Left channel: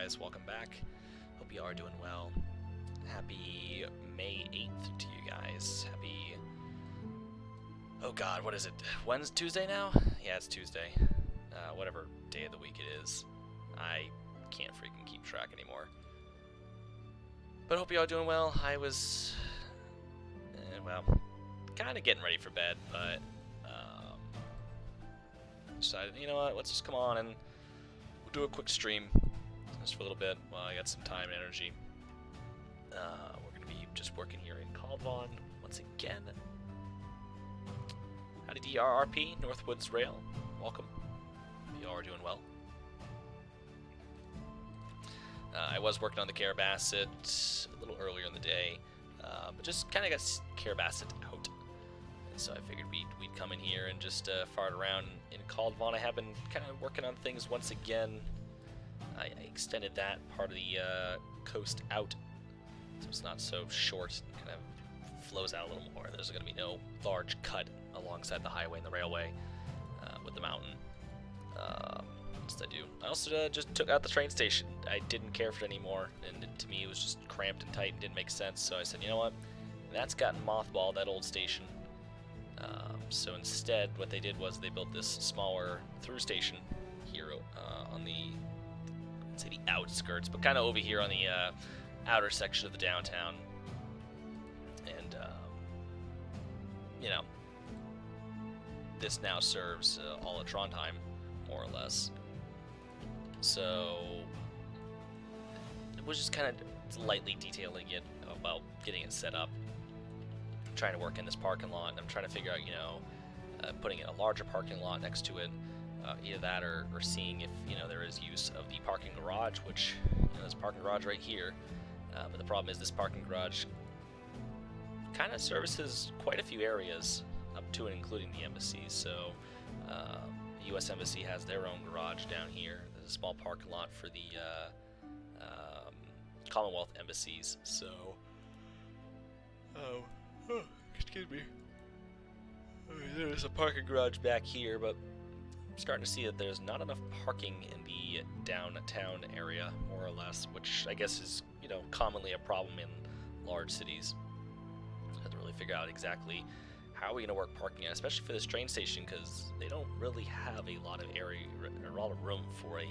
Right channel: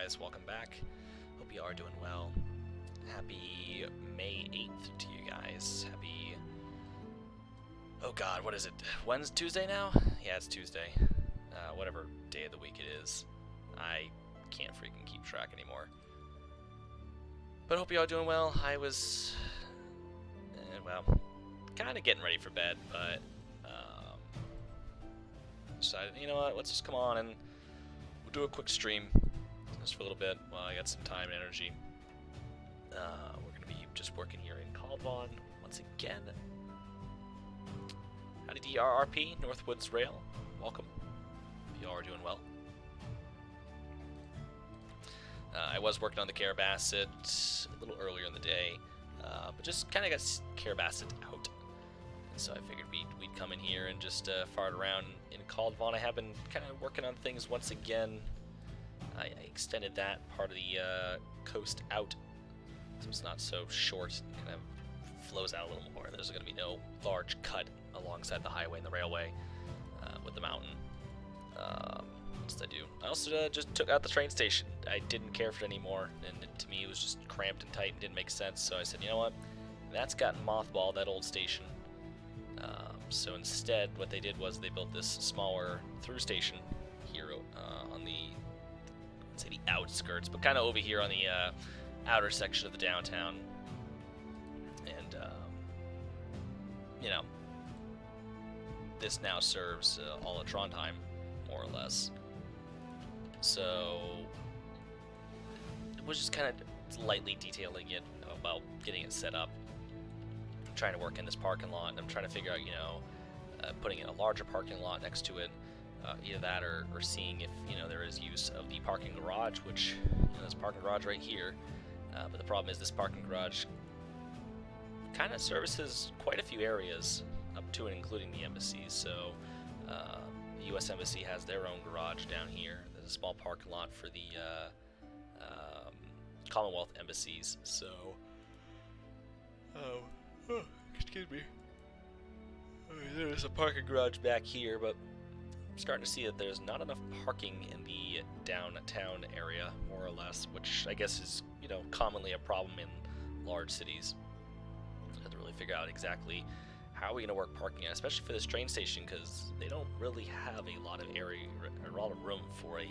guys? Welcome back. Hope you are doing well. Happy May 8th to you guys. Happy... Oh god, what is it? Wednesday? Tuesday now? Yeah, it's Tuesday. Whatever day of the week it is. I can't freaking keep track anymore. But hope you all doing well. I was... well, kind of getting ready for bed, but... decided, you know what, let's just come on and we'll do a quick stream just for a little bit while I got some time and energy. We're going to be just working here in Kaldvann once again. Howdy DRRP, Northwoods Rail, welcome. Hope you all are doing well. I was working on the Carabasset a little earlier in the day, but just kind of got Carabasset out. So I figured we'd come in here and just fart around in Kaldvann. I have been kind of working on things once again. I extended that part of the coast out, so it's not so short. It kind of flows out a little more. There's going to be no large cut alongside the highway and the railway with the mountain. What else did I do? I also just took out the train station. I didn't care for it anymore, and to me it was just cramped and tight and didn't make sense. So I said, you know what? That's gotten mothballed, that old station. So instead, what they did was they built this smaller through station here on the, let's say the outskirts, but kind of over here on the outer section of the downtown. And, you know, this now serves all of Trondheim, more or less. So it was just kind of lightly detailing it about getting it set up. Trying to work in this parking lot, and I'm trying to figure out, you know, putting in a larger parking lot next to it, either that or seeing if, you know, there is use of the parking garage, which, you know, there's a parking garage right here, but the problem is this parking garage kind of services quite a few areas up to and including the embassy. So the U.S. Embassy has their own garage down here. There's a small parking lot for the Commonwealth embassies, so excuse me. There's a parking garage back here, but I'm starting to see that there's not enough parking in the downtown area, more or less, which I guess is, you know, commonly a problem in large cities. I have to really figure out exactly how are we going to work parking, especially for this train station, because they don't really have a lot of area, a lot of room for a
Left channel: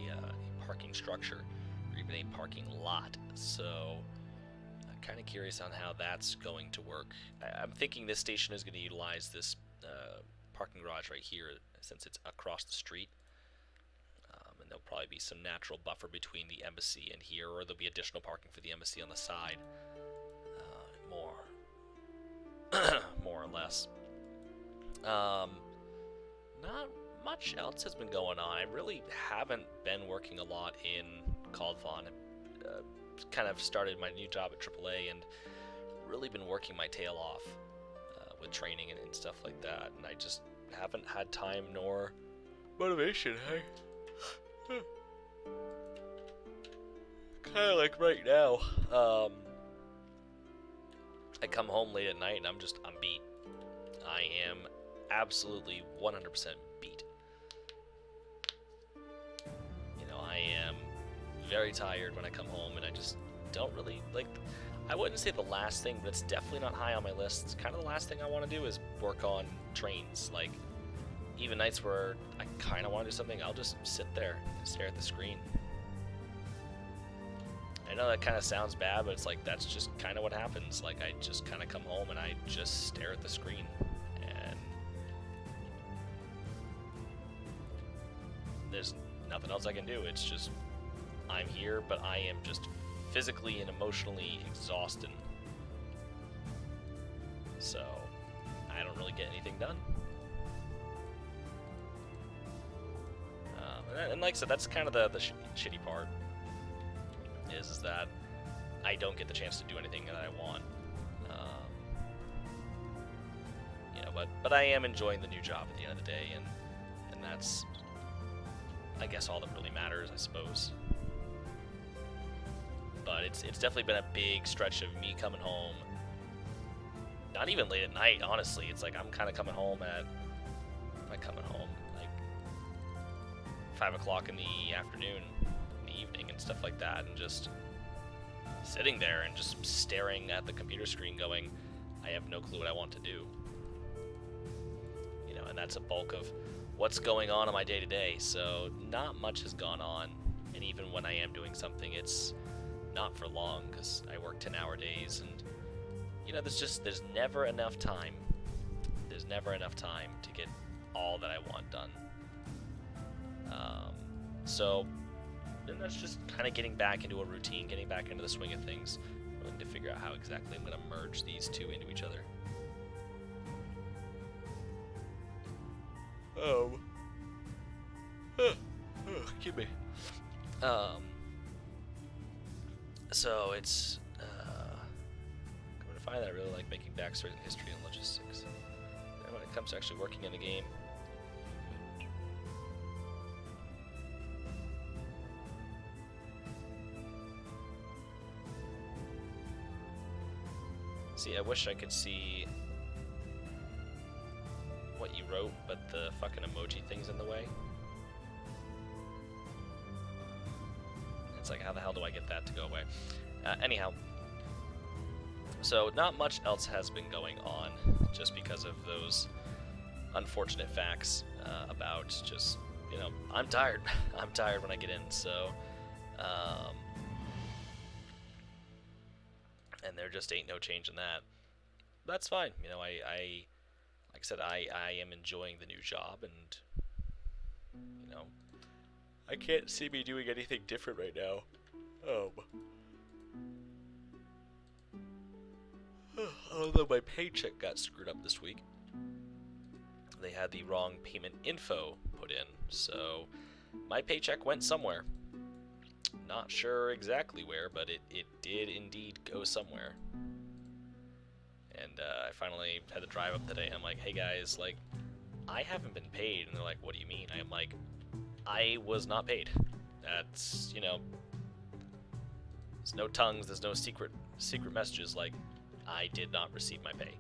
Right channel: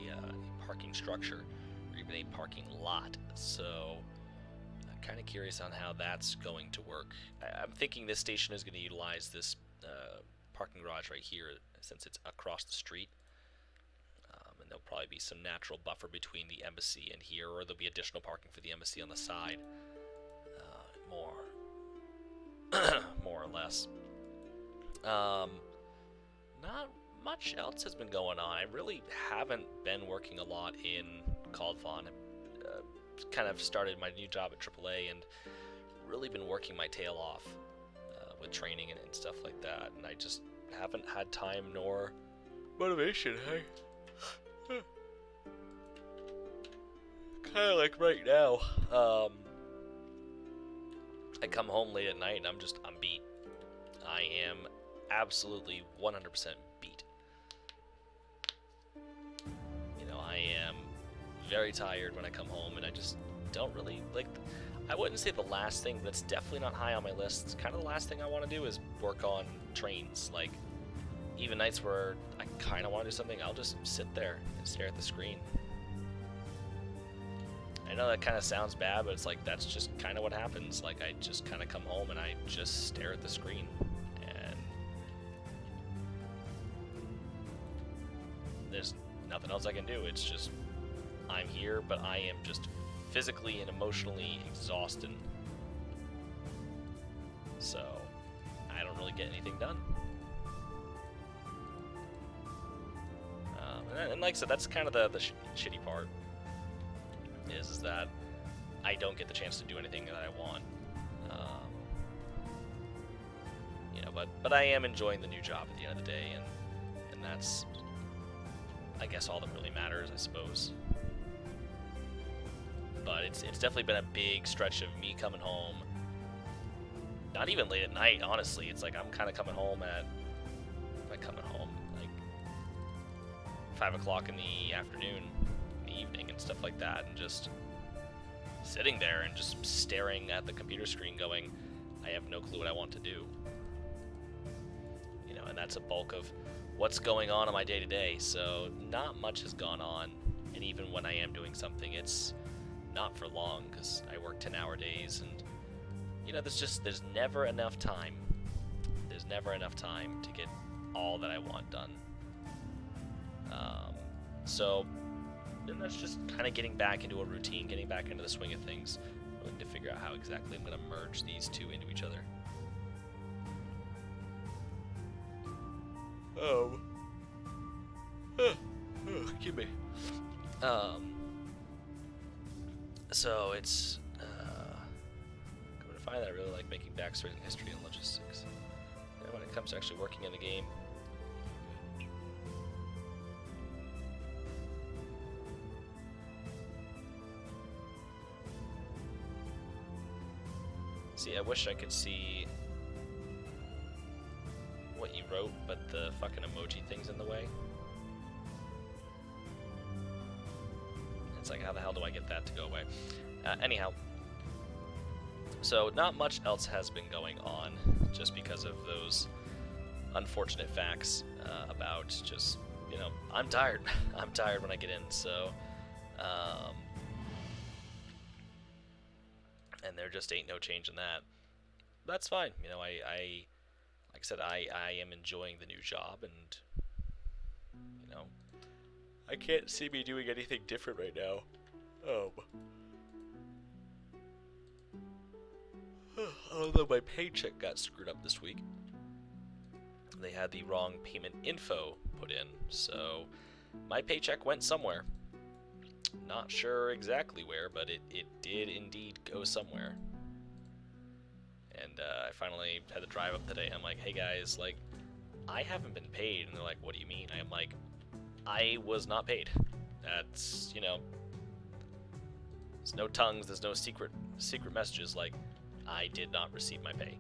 parking structure, or even a parking lot. So kind of curious on how that's going to work. I'm thinking this station is going to utilize this parking garage right here since it's across the street, and there'll probably be some natural buffer between the embassy and here, or there'll be additional parking for the embassy on the side, more or less. Not much else has been going on. I really haven't been working a lot in Kaldvann. Kind of started my new job at AAA and really been working my tail off with training and stuff like that, and I just haven't had time nor motivation. Kind of like right now, I come home late at night and I'm beat. I am absolutely 100% beat. You know, I am very tired when I come home, and I just don't really like. I wouldn't say the last thing, but it's definitely not high on my list. It's kind of the last thing I want to do is work on trains. Like, even nights where I kind of want to do something, I'll just sit there and stare at the screen. I know that kind of sounds bad, but it's like that's just kind of what happens. Like, I just kind of come home and I just stare at the screen, and there's nothing else I can do. It's just I'm here, but I am just physically and emotionally exhausted. So I don't really get anything done. And like I said, that's kind of the shitty part. Is that I don't get the chance to do anything that I want. You know, but I am enjoying the new job at the end of the day, and that's, I guess, all that really matters, I suppose. But it's definitely been a big stretch of me coming home. Not even late at night, honestly. It's like I'm kind of coming home at, like 5 o'clock in the afternoon, in the the evening and stuff like that, and just sitting there and just staring at the computer screen going, I have no clue what I want to do. You know, and that's a bulk of what's going on in my day-to-day, so not much has gone on, and even when I am doing something, it's not for long, because I work 10-hour days, and, you know, there's never enough time. There's never enough time to get all that I want done. So then that's just kind of getting back into a routine, getting back into the swing of things, willing to figure out how exactly I'm going to merge these two into each other. Excuse me. So it's coming to find that I really like making backstories and history and logistics. And when it comes to actually working in the game, see, I wish I could see what you wrote, but the fucking emoji thing's in the way. It's like, how the hell do I get that to go away? Anyhow, so not much else has been going on, just because of those unfortunate facts about just, you know, I'm tired. I'm tired when I get in, so and there just ain't no change in that. That's fine. You know, I like I said, I am enjoying the new job, and, you know, I can't see me doing anything different right now. Although my paycheck got screwed up this week. They had the wrong payment info put in, so my paycheck went somewhere. Not sure exactly where, but it did indeed go somewhere. And I finally had to drive up today. I'm like, hey guys, like, I haven't been paid. And they're like, what do you mean? I'm like, I was not paid. That's, you know, there's no tongues, there's no secret messages. Like, I did not receive my pay.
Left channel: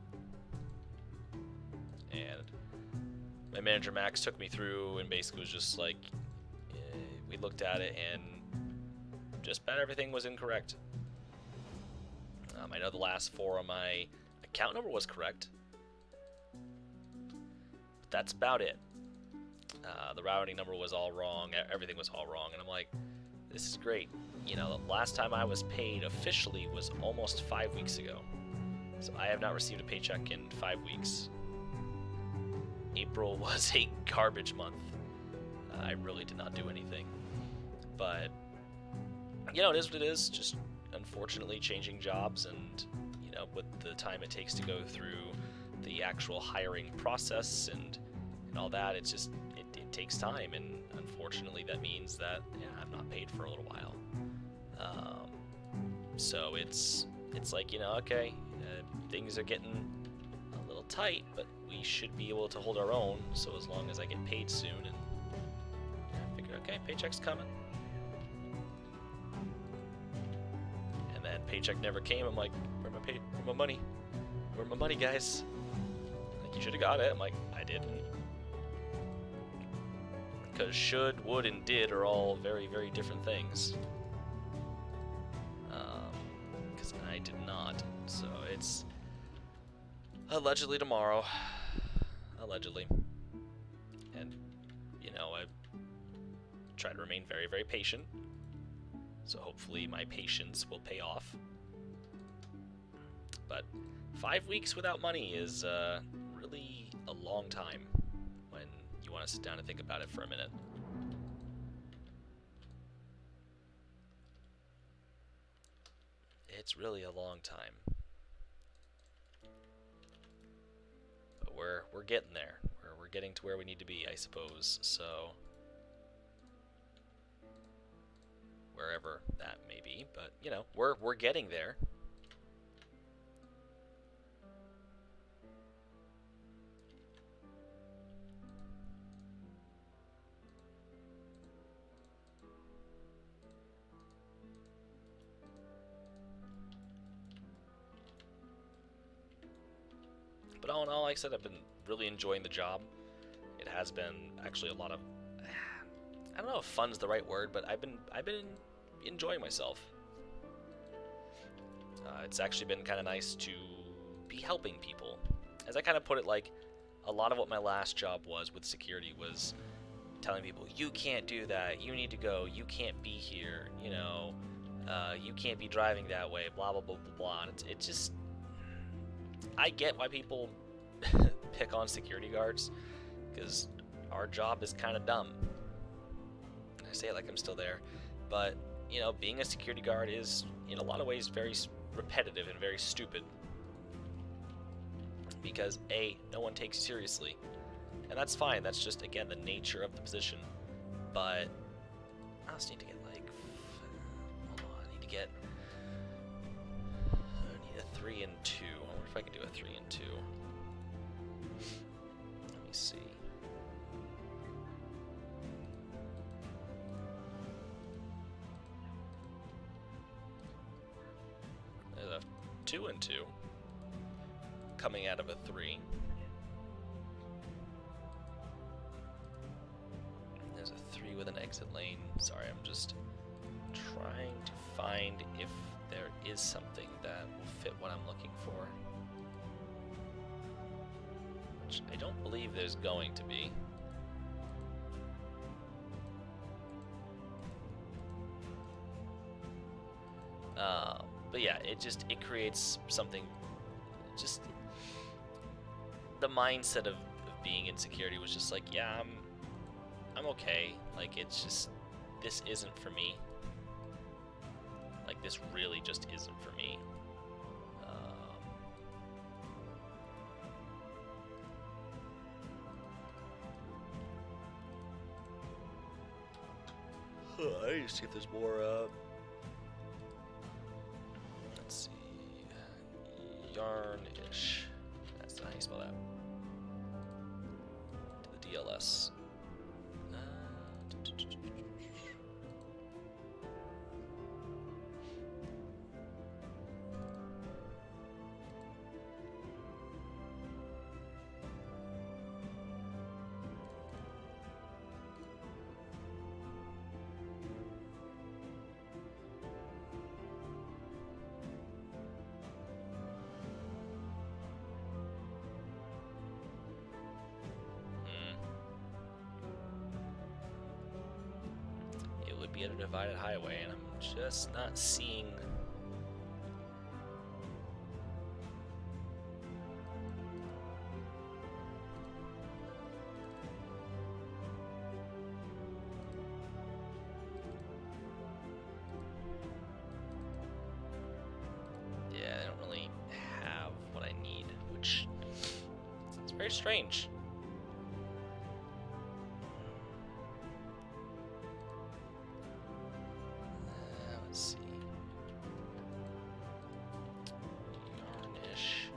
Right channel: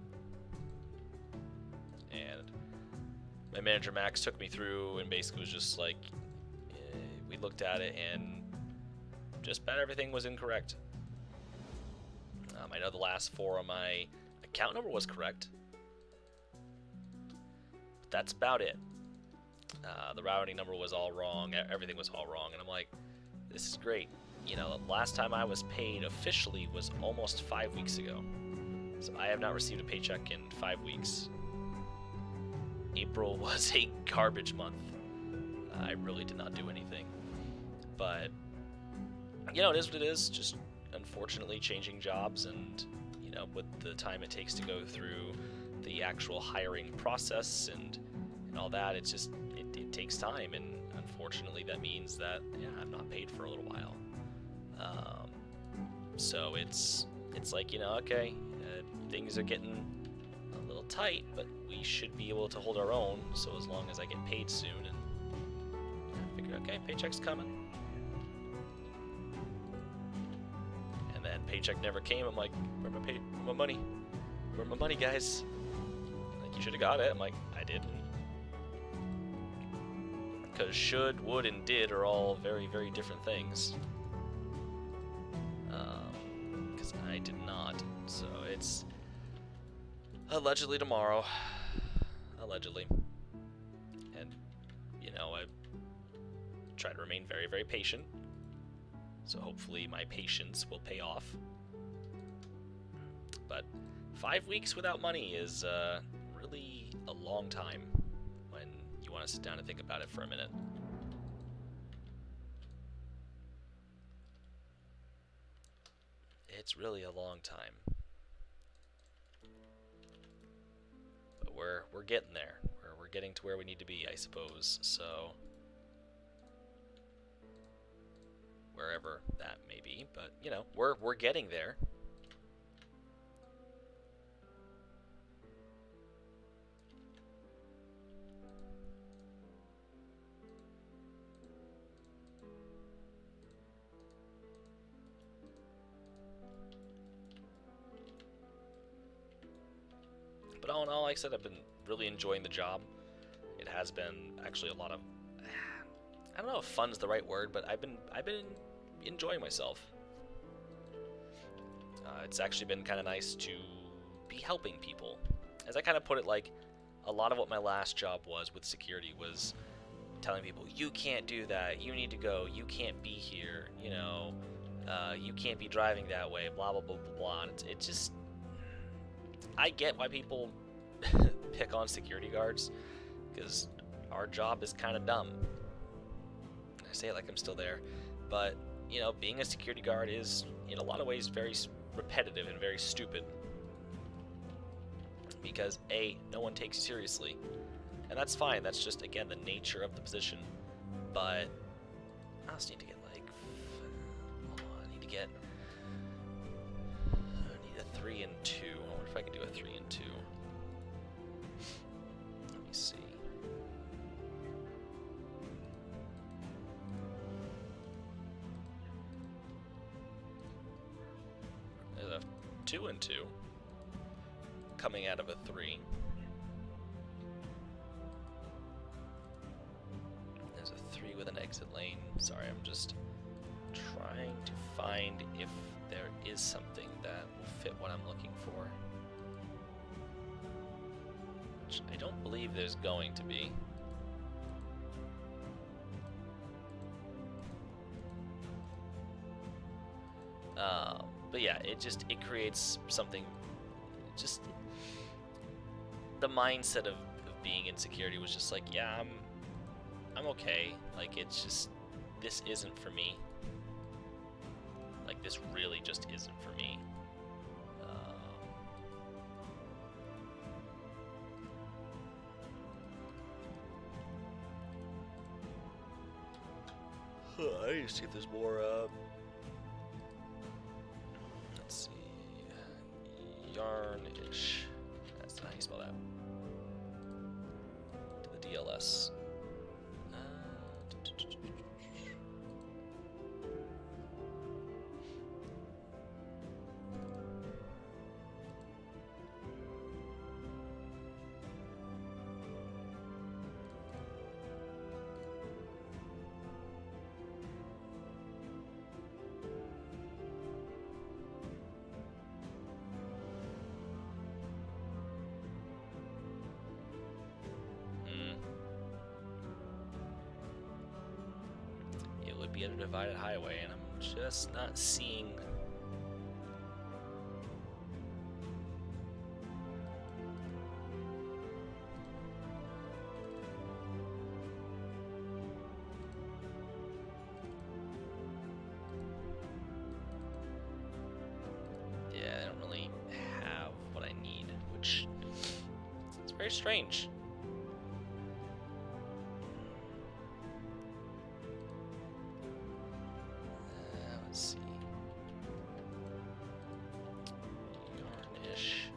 And my manager Max took me through and basically was just like, we looked at it and just about everything was incorrect. I know the last four on my account number was correct, but that's about it. The routing number was all wrong, everything was all wrong, and I'm like, this is great. You know, the last time I was paid officially was almost 5 weeks ago, so I have not received a paycheck in 5 weeks. April was a garbage month. I really did not do anything, but, you know, it is what it is. Just unfortunately changing jobs, and, you know, with the time it takes to go through the actual hiring process and all that, it's just, it takes time, and unfortunately that means that, yeah, I'm not paid for a little while. So it's like, you know, okay, things are getting a little tight, but we should be able to hold our own, so as long as I get paid soon, and yeah, I figured, okay, paycheck's coming. And then paycheck never came. I'm like, where's my money? Where's my money, guys? Like, you should have got it. I'm like, I didn't. Because should, would, and did are all very, very different things. Because I did not. So it's allegedly tomorrow. Allegedly. And, you know, I try to remain very, very patient. So hopefully my patience will pay off. But 5 weeks without money is really a long time when you want to sit down and think about it for a minute. It's really a long time. But we're getting there. We're getting to where we need to be, I suppose. So wherever that may be, but, you know, we're getting there. But all in all, like I said, I've been really enjoying the job. It has been actually a lot of I don't know if fun's the right word, but I've been enjoying myself. It's actually been kind of nice to be helping people. As I kind of put it, like, a lot of what my last job was with security was telling people, you can't do that, you need to go, you can't be here, you know, you can't be driving that way, blah, blah, blah, blah, blah. And it just, I get why people pick on security guards, because our job is kind of dumb. I say it like I'm still there, but, you know, being a security guard is, in a lot of ways, very repetitive and very stupid. Because, A, no one takes you seriously. And that's fine, that's just, again, the nature of the position. But I just need to get, like, hold on, I need a 3 and 2. I wonder if I can do a 3 and 2. Let me see. There's a 2 and 2 coming out of a 3. There's a 3 with an exit lane. Sorry, I'm just trying to find if there is something that will fit what I'm looking for. Which I don't believe there's going to be. But yeah, it creates something, just the mindset of being in security was just like, yeah, I'm okay. Like, it's just, this isn't for me. Like, this really just isn't for me. I need to see if there's more, let's see, yarnish. That's not how you spell that. To the DLS. Would be at a divided highway, and I'm just not seeing. Yeah, I don't really have what I need, which is very strange. Let's see. Yarnish.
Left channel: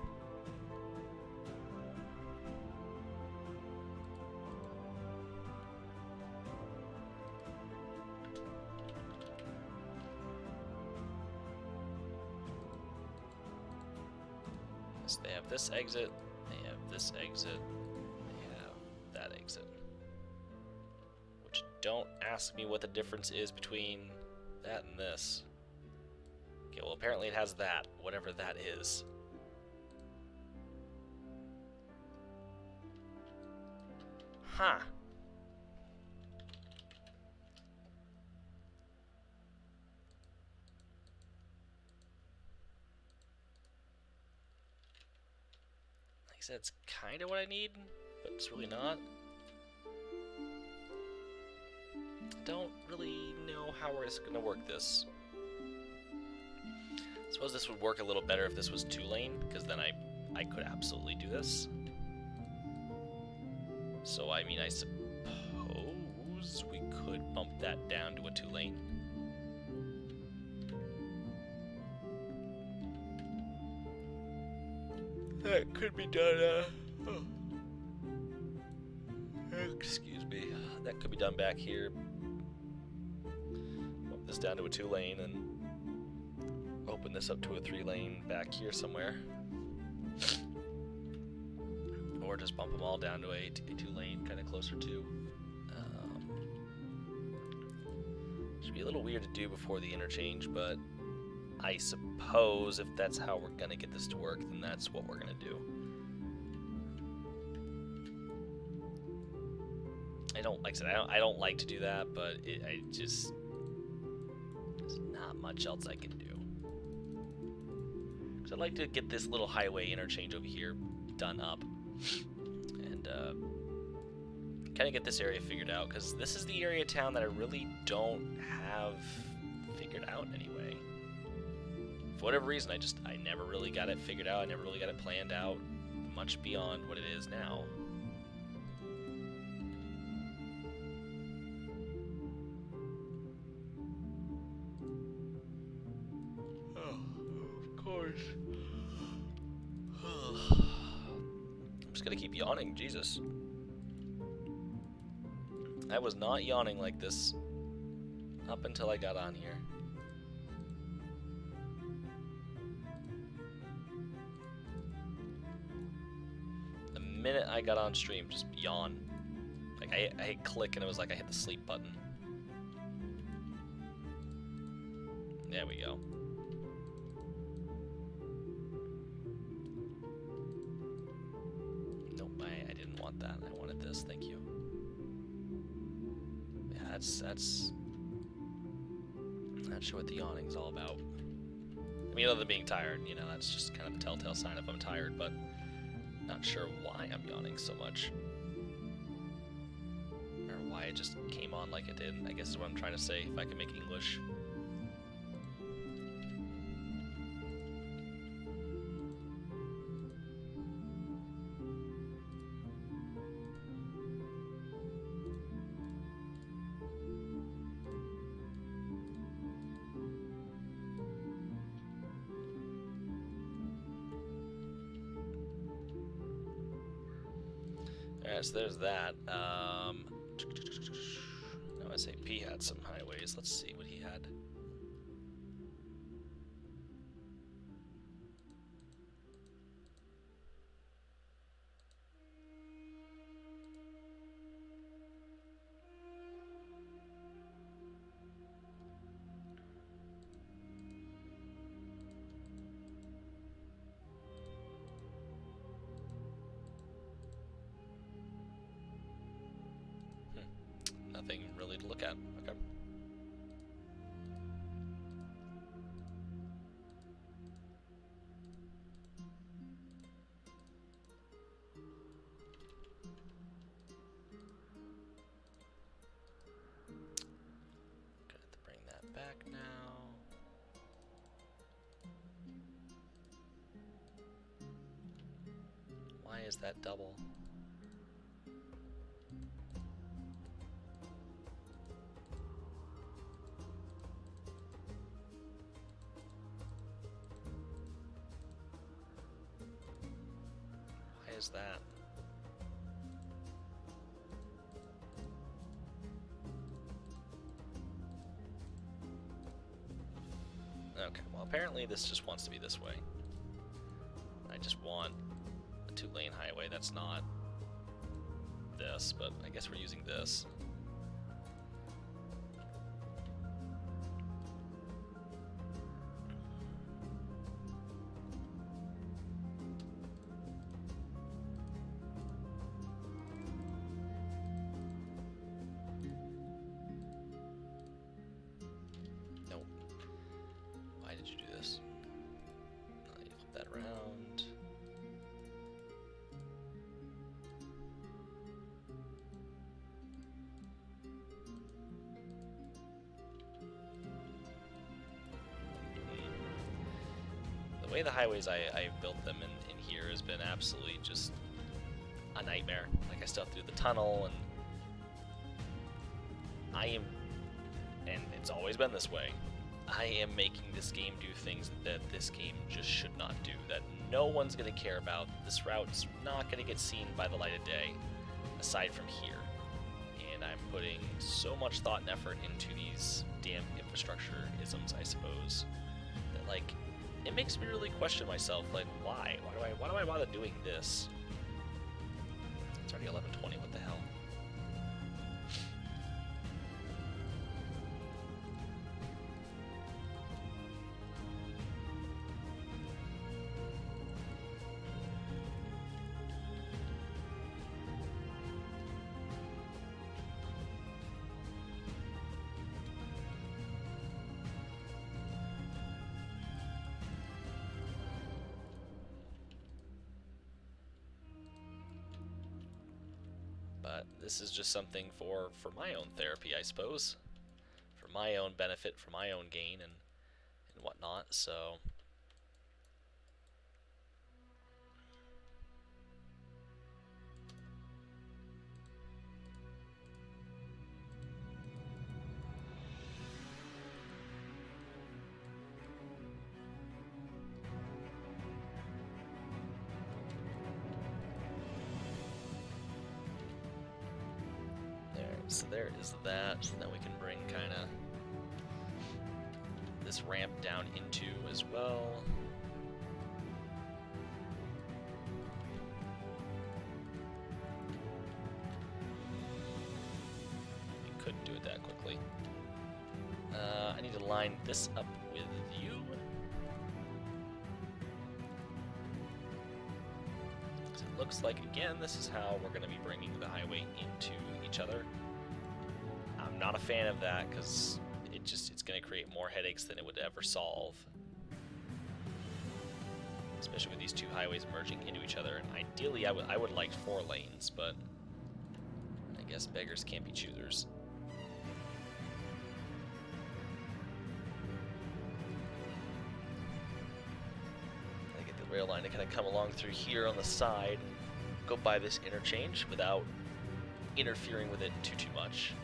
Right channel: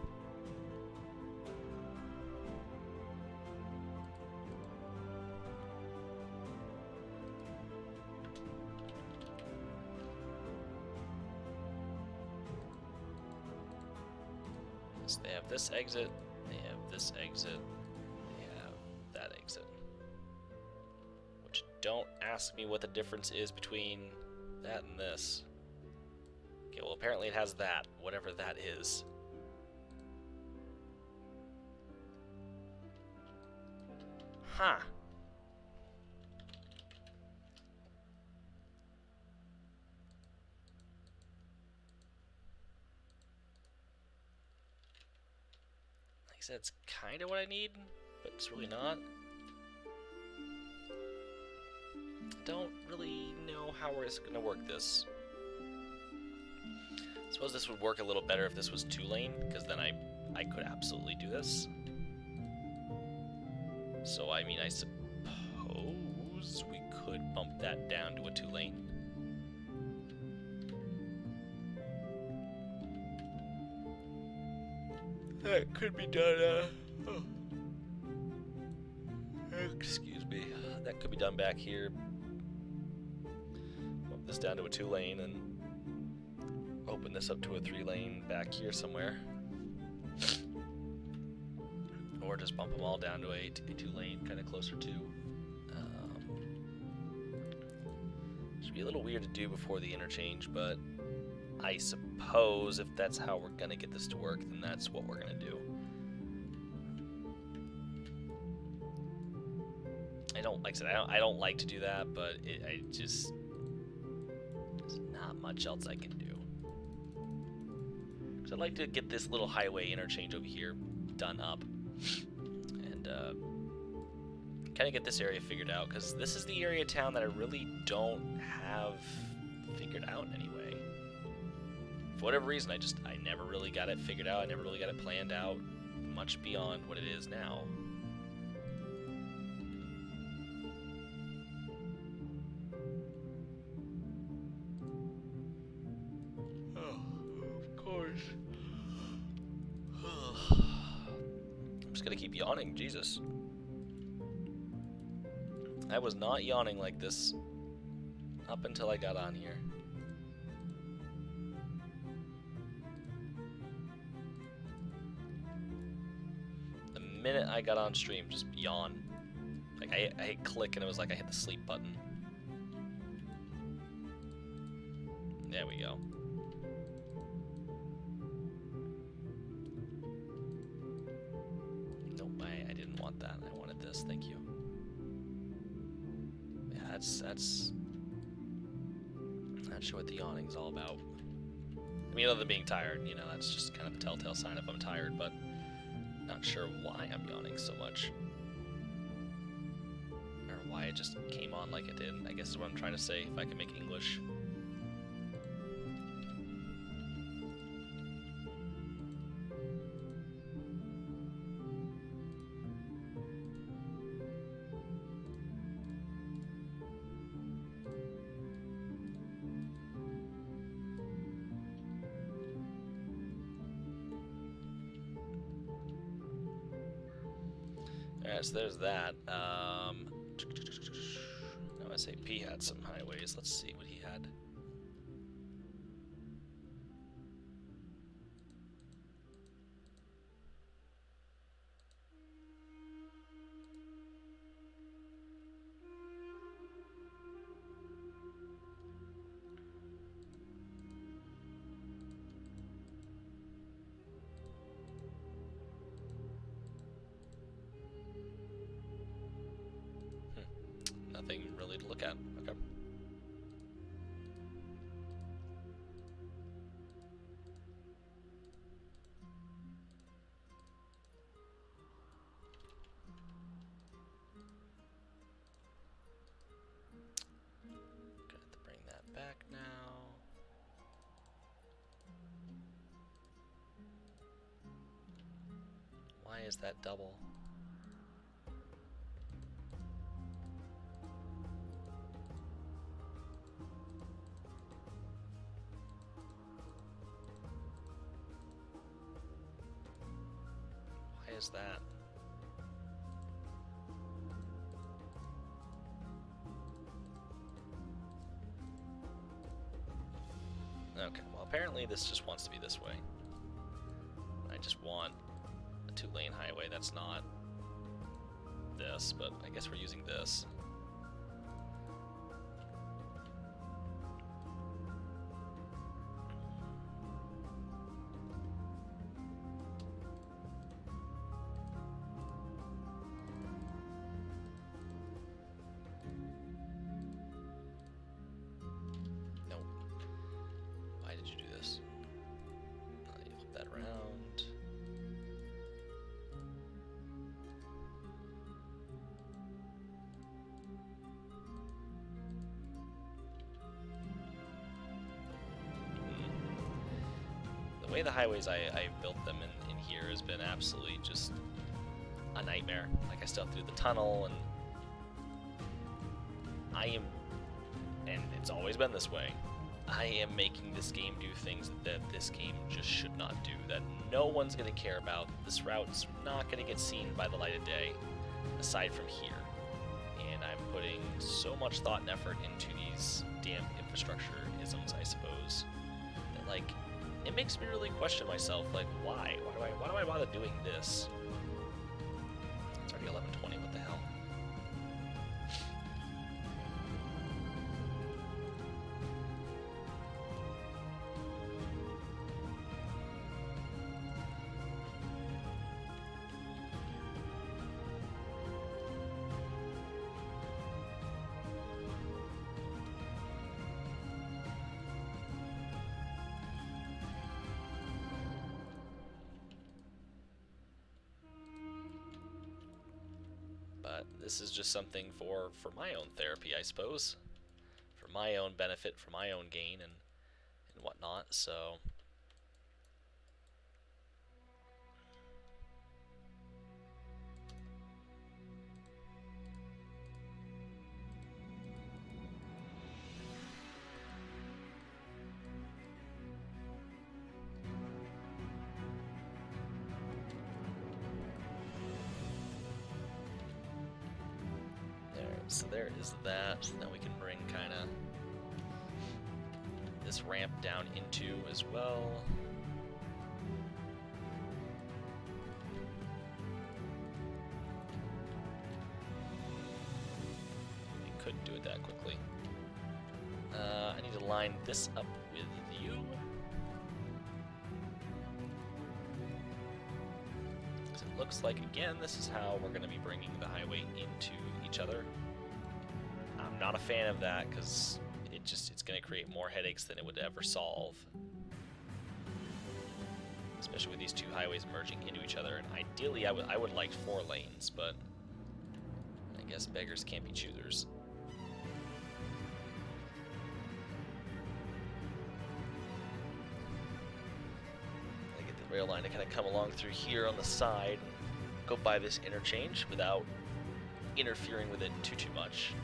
Yes, they have this exit, they have this exit, they have that exit. Which, don't ask me what the difference is between that and this. Okay, well, apparently it has that, whatever that is. Huh. Like I said, it's kind of what I need, but it's really not. Don't really know how we're going to work this. I suppose this would work a little better if this was 2-lane, because then I could absolutely do this. So, I mean, I suppose we could bump that down to a 2-lane. That could be done, excuse me. That could be done back here. Bump this down to a 2-lane and open this up to a 3-lane back here somewhere. Or just bump them all down to a 2-lane, kind of closer to. Should be a little weird to do before the interchange, but I suppose if that's how we're gonna get this to work, then that's what we're gonna do. Like I said, I don't like to do that, but there's not much else I can do. Because I'd like to get this little highway interchange over here done up, and kind of get this area figured out, because this is the area of town that I really don't have figured out anyway. For whatever reason, I never really got it figured out. I never really got it planned out much beyond what it is now. Oh, of course. I'm just gonna keep yawning, Jesus. I was not yawning like this up until I got on here. The minute I got on stream, just yawn. Like I hit click and it was like I hit the sleep button. There we go. Nope, I didn't want that. I wanted this, thank you. Yeah, that's not sure what the yawning's all about. I mean, other than being tired, you know, that's just kind of the telltale sign if I'm tired, but not sure why I'm yawning so much. Or why it just came on like it did, I guess is what I'm trying to say, if I can make English. Alright, so there's that. Now SAP had some highways. Let's see what he had. Nothing really to look at. Okay. Gonna have to bring that back now. Why is that double? Is that? Okay, well apparently this just wants to be this way. I just want a 2-lane highway that's not this, but I guess we're using this. The way the highways I've built them in here has been absolutely just a nightmare. Like I still have to do the tunnel, and it's always been this way. I am making this game do things that this game just should not do, that no one's going to care about. This route's not going to get seen by the light of day, aside from here. And I'm putting so much thought and effort into these damn infrastructure isms, I suppose, that like, it makes me really question myself, like, why? Why do I bother doing this? It's already 11:20, what the hell? But this is just something for my own therapy, I suppose, for my own benefit, for my own gain, and whatnot. So so there is that. Now we can bring kind of this ramp down into as well. We couldn't do it that quickly. I need to line this up with you. Because it looks like, again, this is how we're going to be bringing the highway into each other. I'm not a fan of that because it's going to create more headaches than it would ever solve. Especially with these two highways merging into each other. And ideally, I would like 4 lanes, but I guess beggars can't be choosers. Gotta get the rail line to kind of come along through here on the side and go by this interchange without interfering with it too much.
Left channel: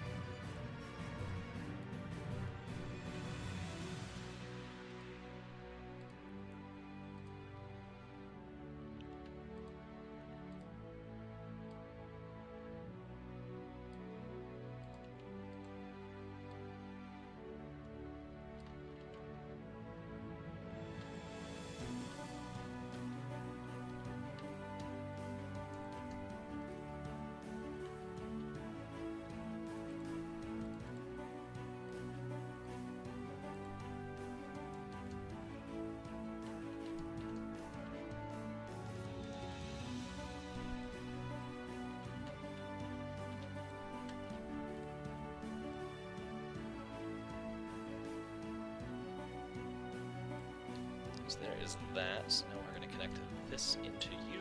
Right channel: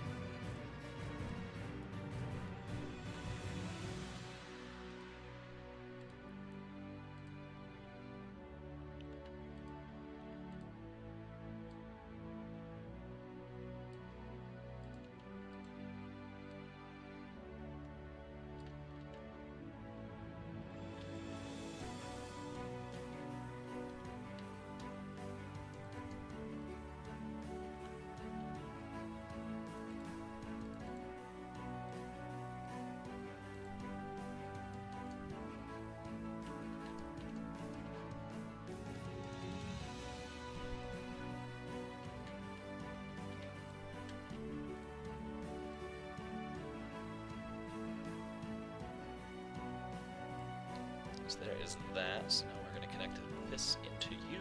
So there is that. So now we're going to connect this into you.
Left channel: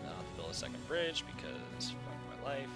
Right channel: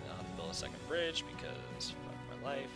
And I'll have to build a second bridge because fuck my life.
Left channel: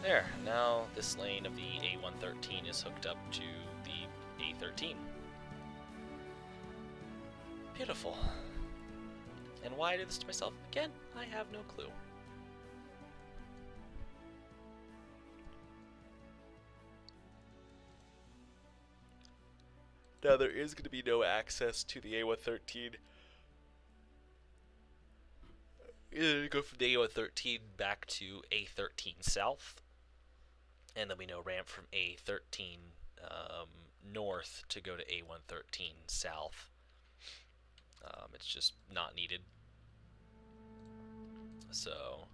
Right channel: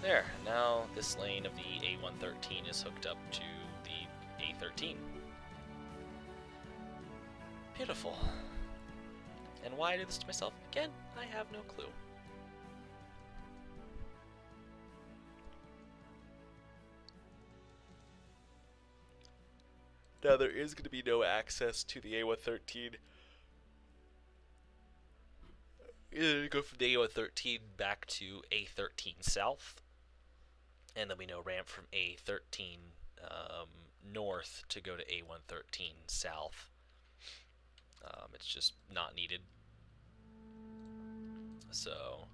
There, now this lane of the A113 is hooked up to the A13. Beautiful. And why I do this to myself? Again, I have no clue. Now there is going to be no access to the A113. Go from the A113 back to A13 South. And there'll be no ramp from A13 north to go to A113 south. It's just not needed. So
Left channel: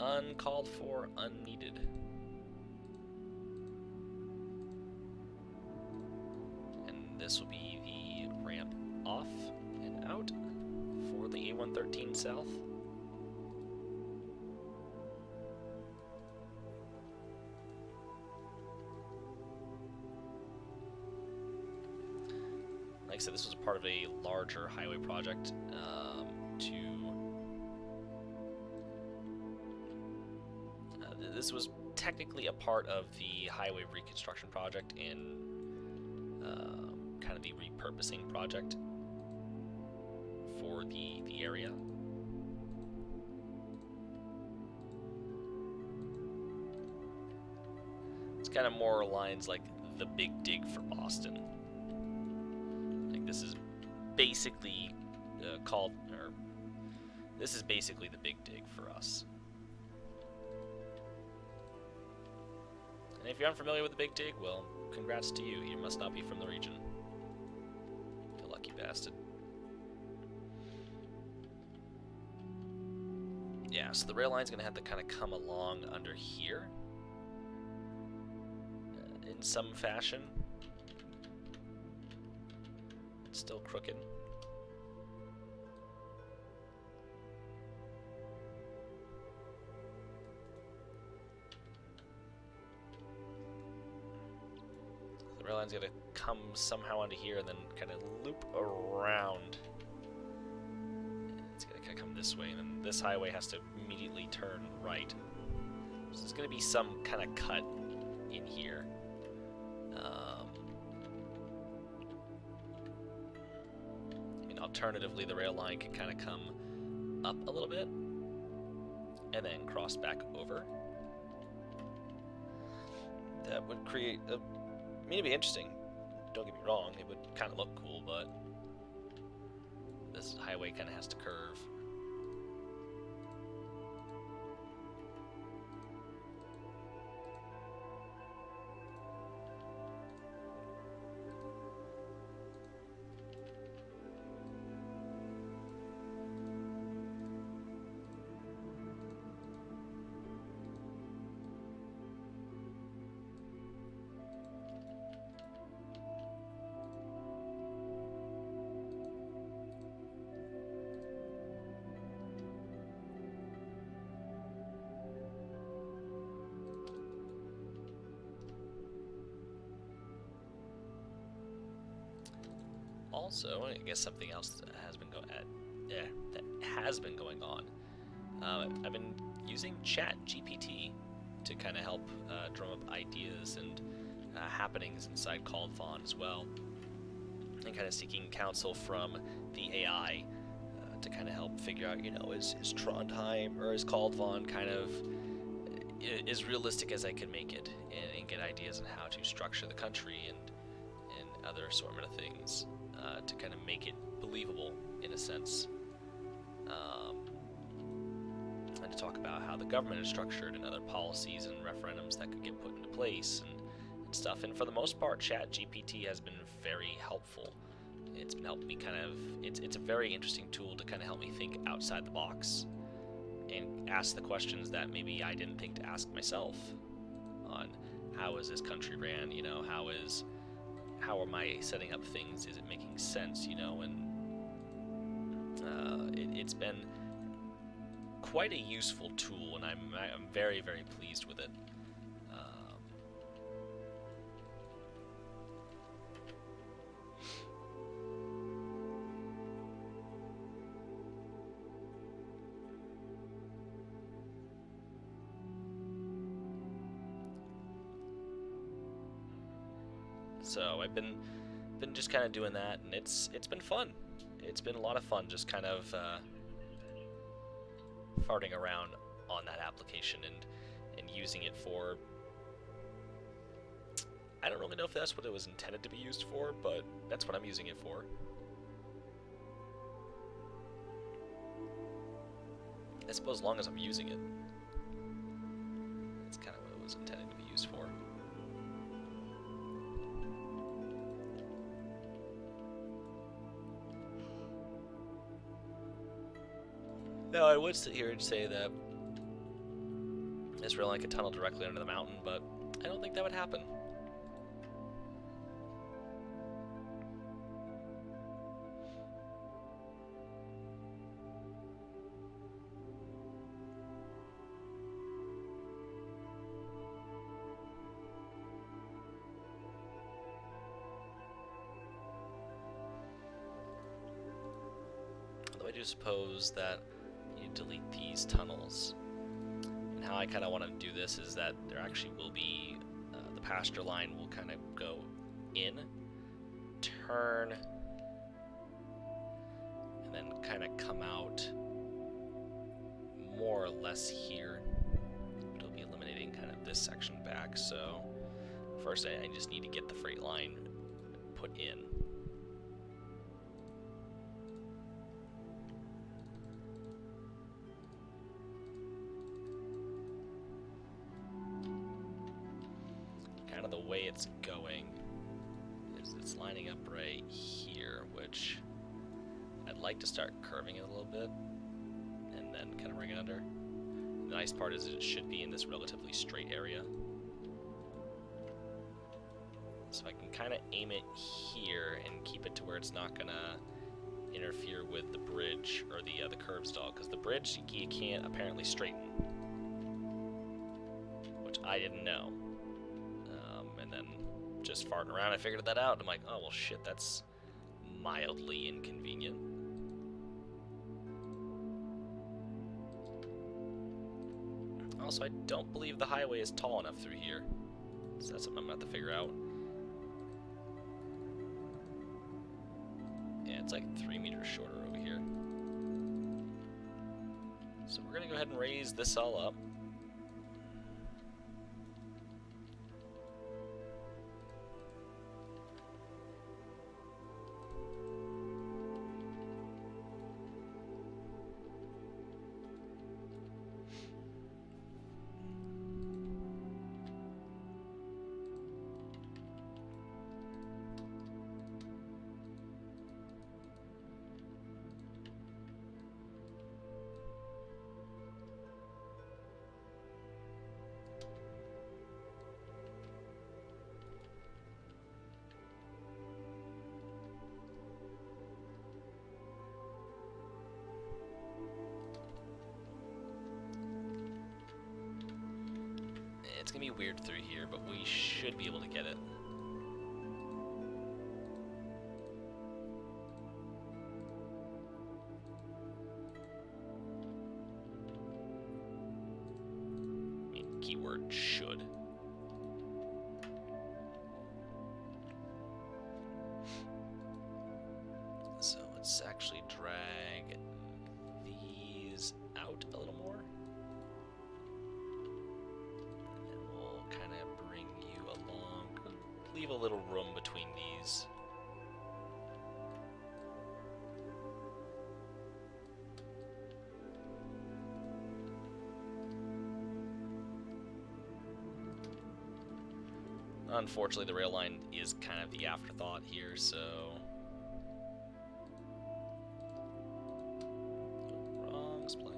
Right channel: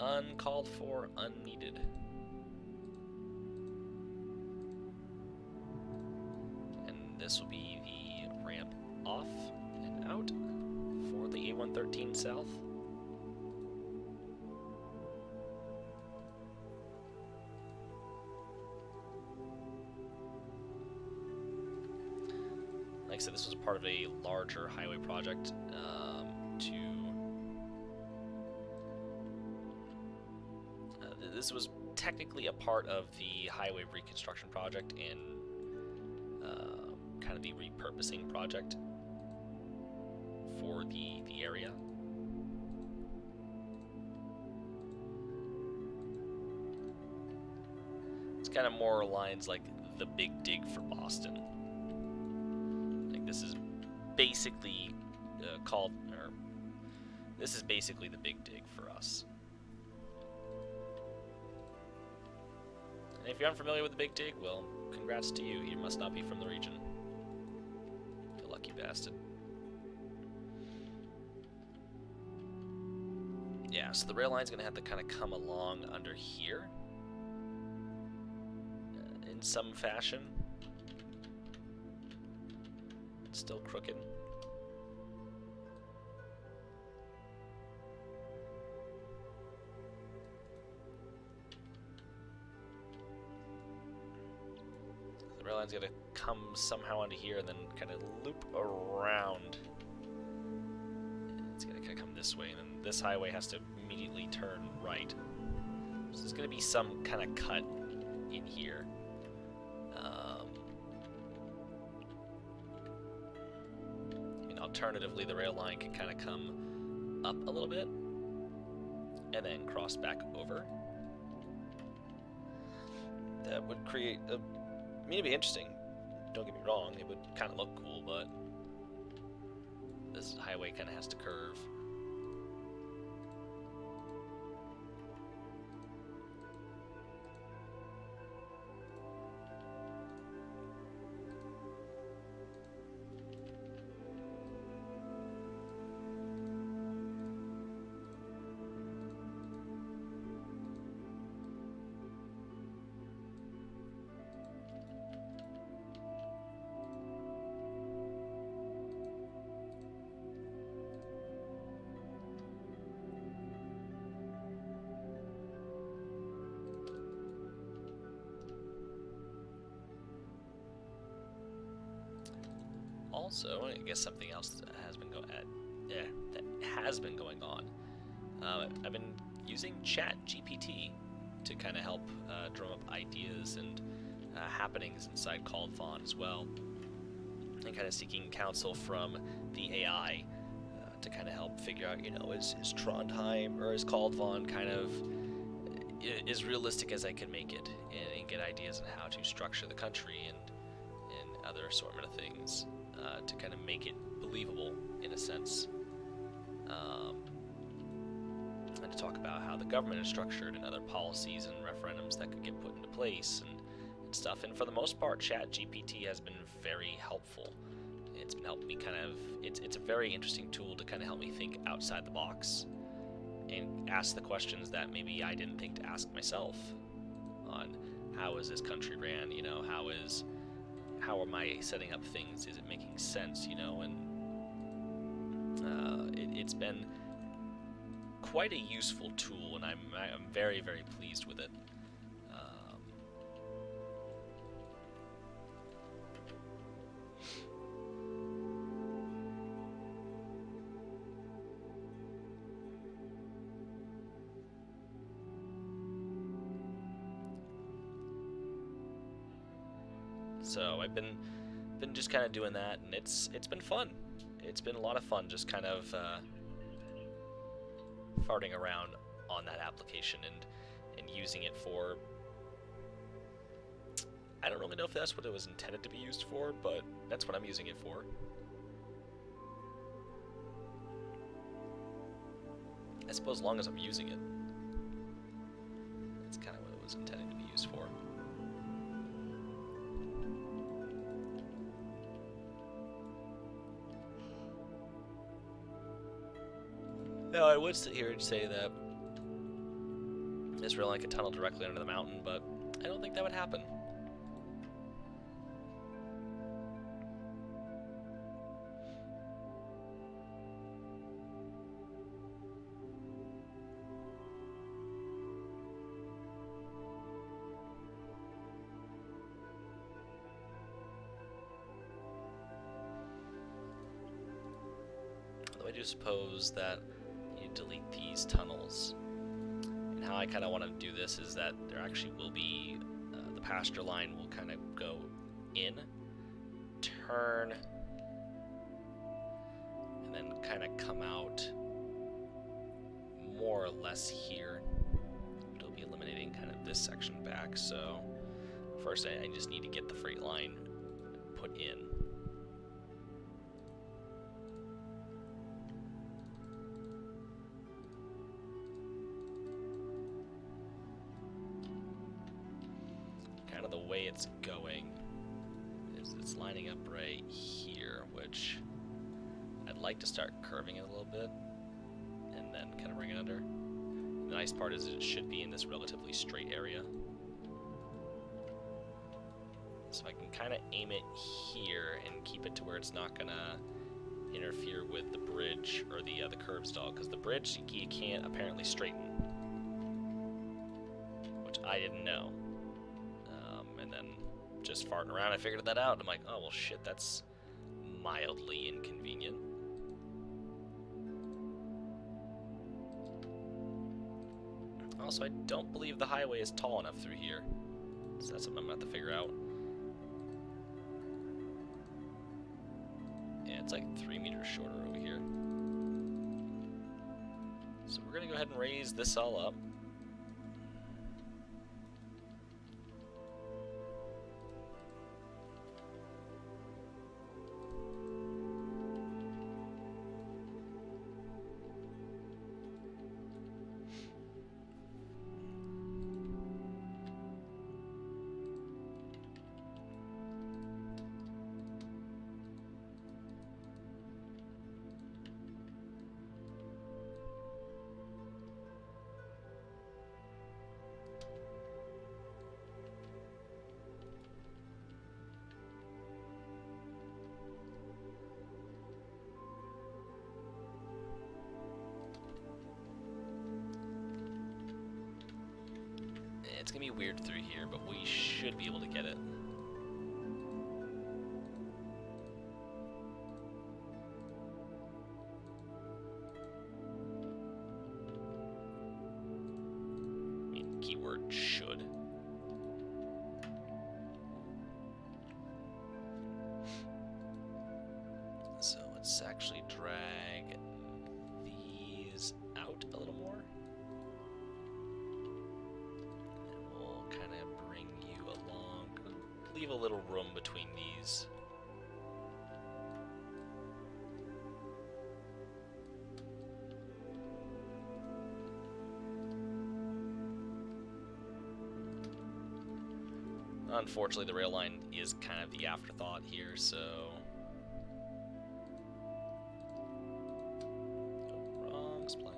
uncalled for, unneeded. And this will be the ramp off and out for the A113 south. Like I said, this was a part of a larger highway project this was technically a part of the highway reconstruction project and kind of the repurposing project for the area. It's kind of more lines like the big dig for Boston. This is basically this is basically the big dig for us. And if you're unfamiliar with the big dig, well, congrats to you. You must not be from the region. You lucky bastard. Yeah, so the rail line's going to have to kind of come along under here in some fashion. It's still crooked. The rail line's going to come somehow onto here and then kind of loop around. It's going to kind of come this way, and then this highway has to immediately turn right. So there's going to be some kind of cut in here. I mean, alternatively, the rail line could kind of come up a little bit and then cross back over. That would create a... I mean, it'd be interesting. Don't get me wrong, it would kind of look cool, but this highway kind of has to curve. Also, I guess something else that has been going on. I've been using Chat GPT to kind of help drum up ideas and happenings inside Kaldvann as well, and kind of seeking counsel from the AI to kind of help figure out, you know, is Trondheim or is Kaldvann kind of as realistic as I could make it, and get ideas on how to structure the country and other assortment of things. To kind of make it believable in a sense, and to talk about how the government is structured and other policies and referendums that could get put into place and stuff. And for the most part, Chat GPT has been very helpful. It's been helping me kind of, it's a very interesting tool to kind of help me think outside the box and ask the questions that maybe I didn't think to ask myself on how is this country ran, you know, how am I setting up things? Is it making sense? You know, and it's been quite a useful tool, and I'm very, very pleased with it. So I've been just kind of doing that, and it's been fun. It's been a lot of fun just kind of farting around on that application and using it for, I don't really know if that's what it was intended to be used for, but that's what I'm using it for. I suppose as long as I'm using it, that's kind of what it was intended to be used for. Now, I would sit here and say that this rail line could tunnel directly under the mountain, but I don't think that would happen. Although I do suppose that you delete these tunnels. And how I kind of want to do this is that there actually will be, the pasture line will kind of go in, turn, and then kind of come out more or less here. But it'll be eliminating kind of this section back. So first I just need to get the freight line put in. Kind of the way it's going is it's lining up right here, which I'd like to start curving it a little bit and then kind of bring it under. The nice part is it should be in this relatively straight area. So I can kind of aim it here and keep it to where it's not going to interfere with the bridge or the curb stall, because the bridge you can't apparently straighten, which I didn't know. And then just farting around, I figured that out. I'm like, oh well, shit, that's mildly inconvenient. Also, I don't believe the highway is tall enough through here, so that's something I'm gonna have to figure out. Yeah, it's like 3 meters shorter over here. So we're gonna go ahead and raise this all up. It's gonna be weird through here, but we should be able to get it. I mean, keyword should. So let's actually drag these out a little more. Kind of bring you along, leave a little room between these. Unfortunately, the rail line is kind of the afterthought here, so... Oh, wrong spline.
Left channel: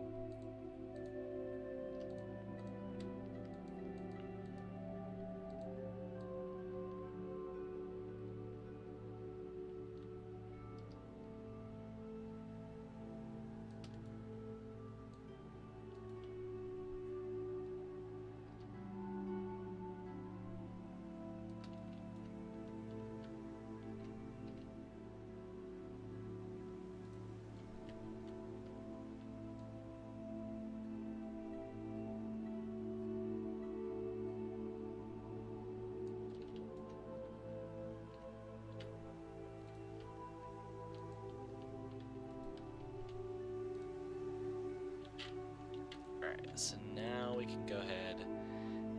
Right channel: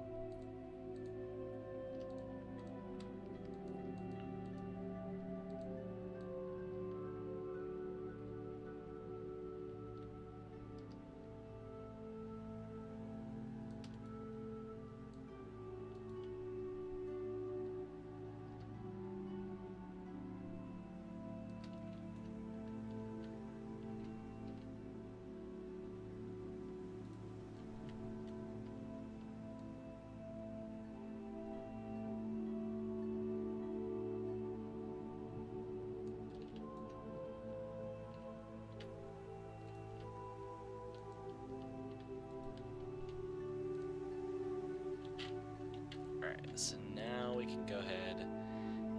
Alright, so now we can go ahead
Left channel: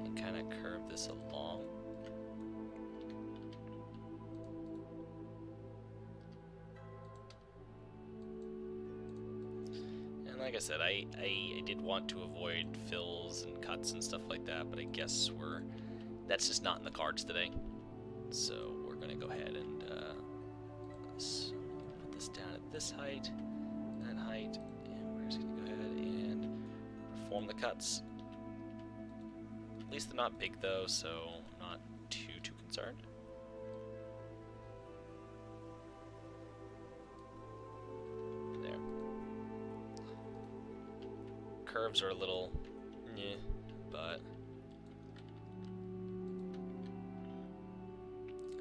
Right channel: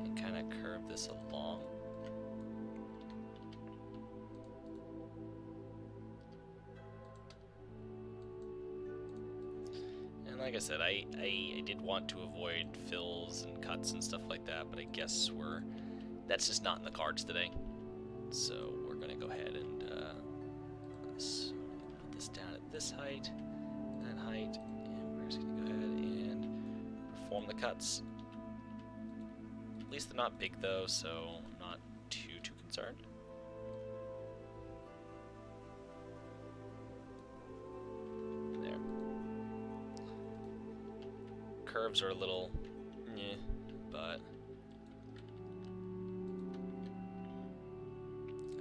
and kind of curve this along. And like I said, I did want to avoid fills and cuts and stuff like that, but I guess that's just not in the cards today. So we're going to go ahead and let's put this down at this height, that height, and we're just going to go ahead and perform the cuts. At least they're not big though, so I'm not too concerned. There. Curves are a little meh, but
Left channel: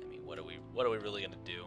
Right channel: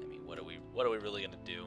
I mean, what are we really gonna do?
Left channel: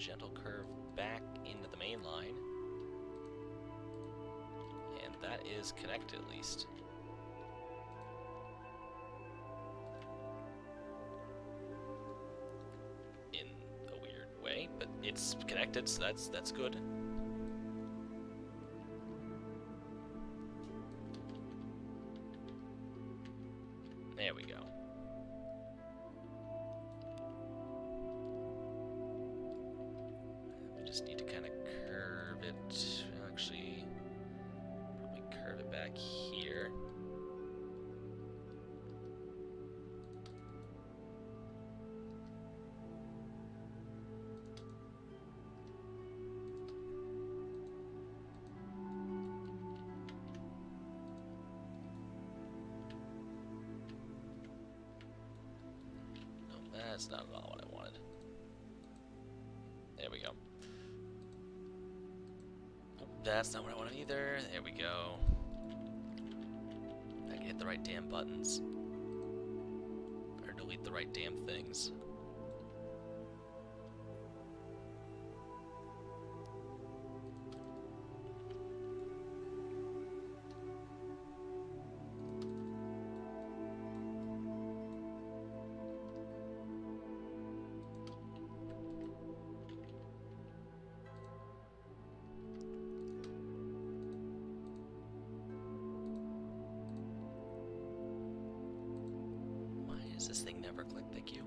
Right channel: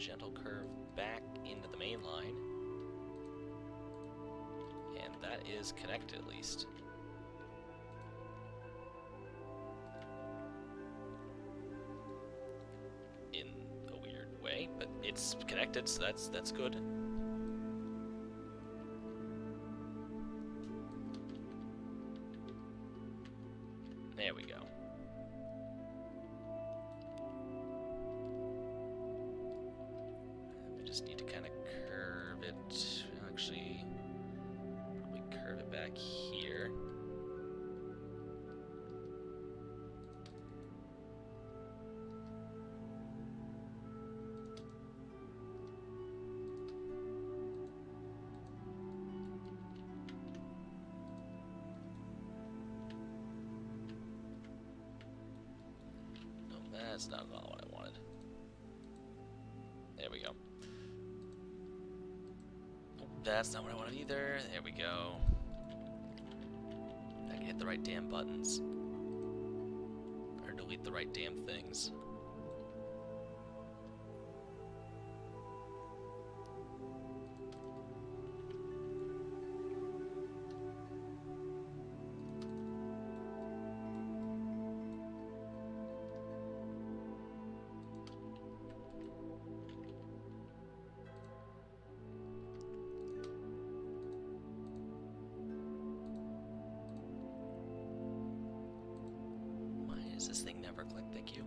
gentle curve back into the main line. And that is connected at least. In a weird way, but it's connected, so that's good. There we go. We just need to kind of curve it. Actually, probably curve it back here. That's not at all what I wanted. There we go. Oh, that's not what I wanted either. There we go. I can hit the right damn buttons. Or delete the right damn things. Does this thing never click? Thank you.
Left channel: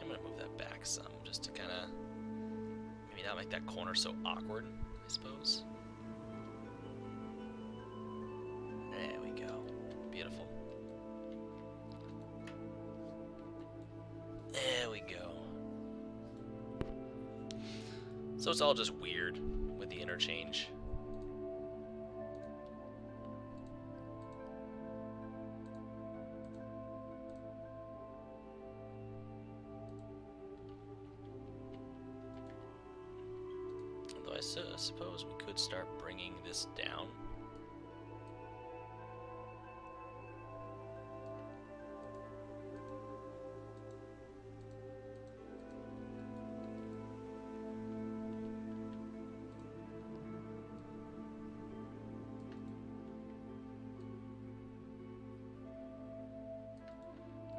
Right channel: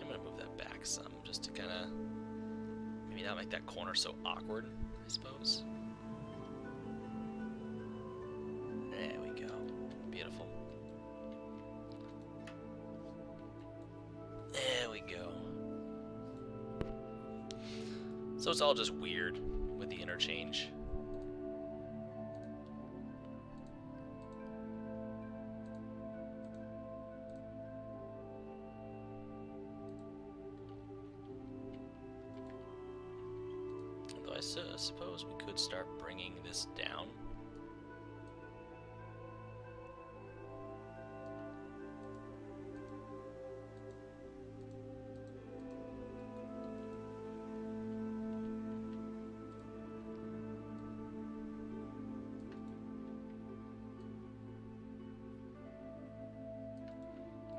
I'm gonna move that back some, just to kind of maybe not make that corner so awkward, I suppose. There we go. Beautiful. There we go. So it's all just weird with the interchange. Although I suppose we could start bringing this down.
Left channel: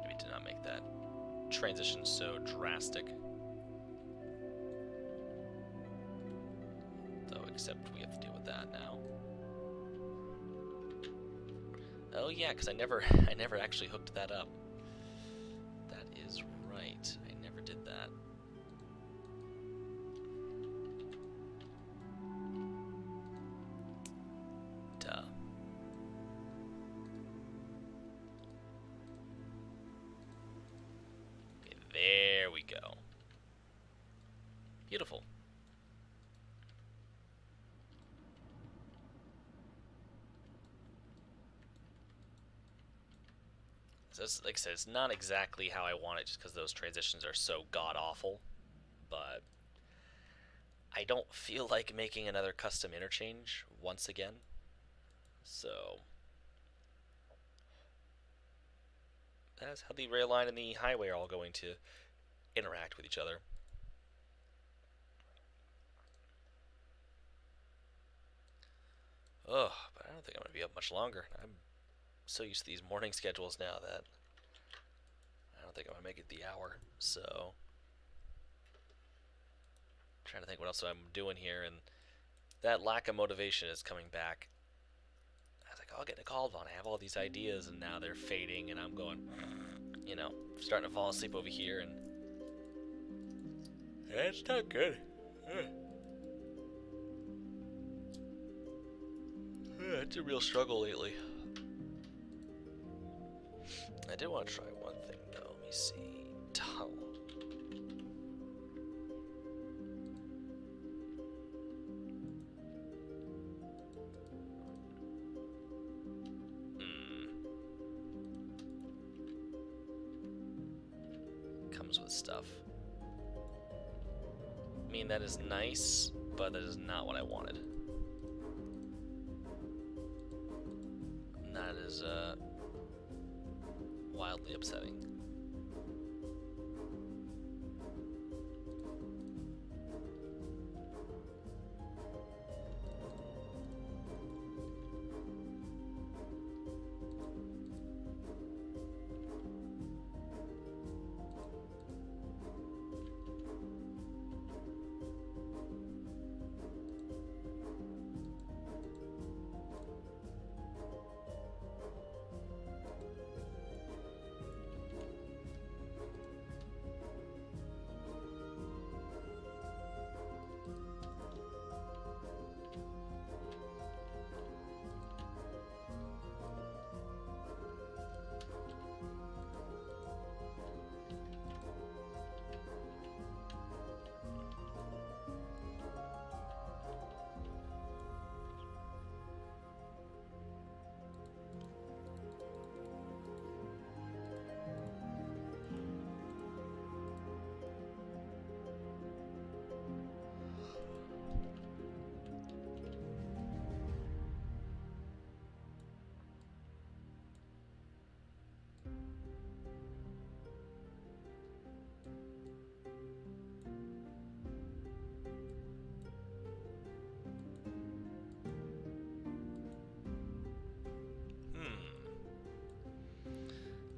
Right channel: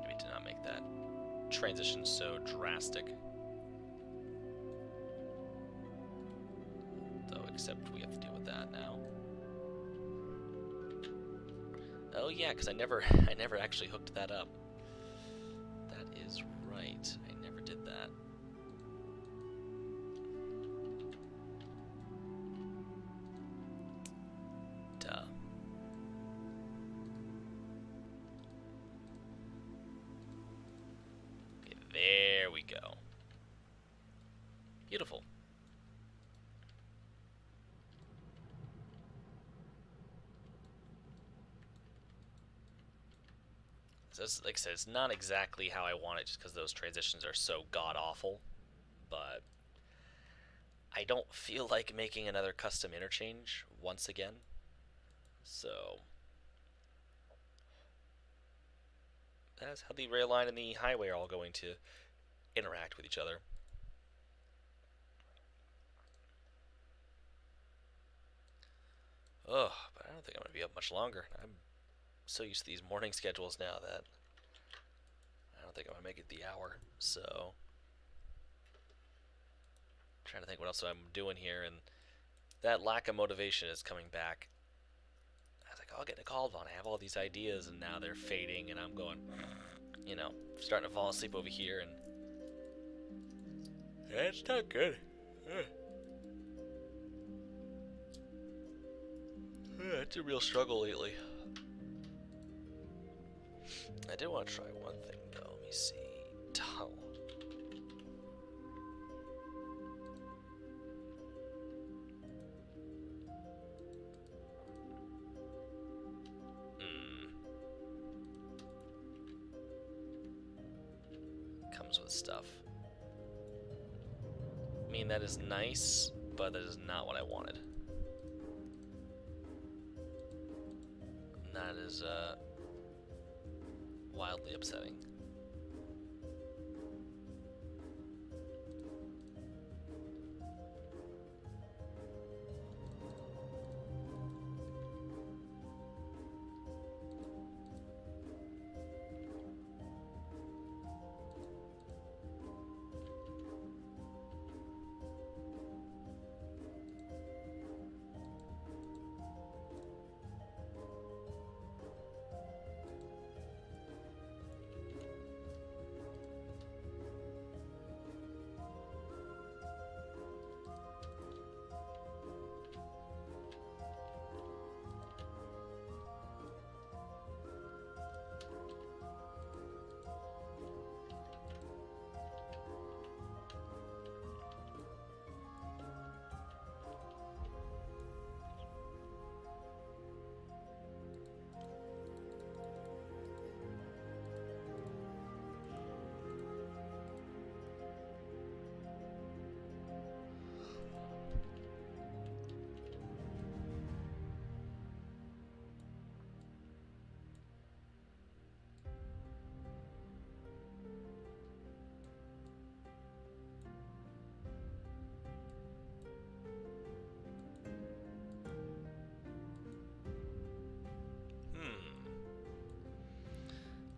Maybe to not make that transition so drastic. Except we have to deal with that now. Oh yeah, because I never actually hooked that up. That is right. I never did that. Duh. Okay, there we go. Beautiful. So it's, like I said, it's not exactly how I want it just because those transitions are so god-awful, but I don't feel like making another custom interchange once again, so that's how the rail line and the highway are all going to interact with each other. Ugh, but I don't think I'm going to be up much longer. I'm so used to these morning schedules now that I don't think I'm going to make it the hour. So, I'm trying to think what else I'm doing here, and that lack of motivation is coming back. I was like, I'll get to Kaldvann. I have all these ideas, and now they're fading, and I'm going, you know, starting to fall asleep over here, and it's not good. It's a real struggle lately. I did want to try one thing, though. Let me see. Tunnel. Comes with stuff. I mean, that is nice, but that is not what I wanted. And that is wildly upsetting.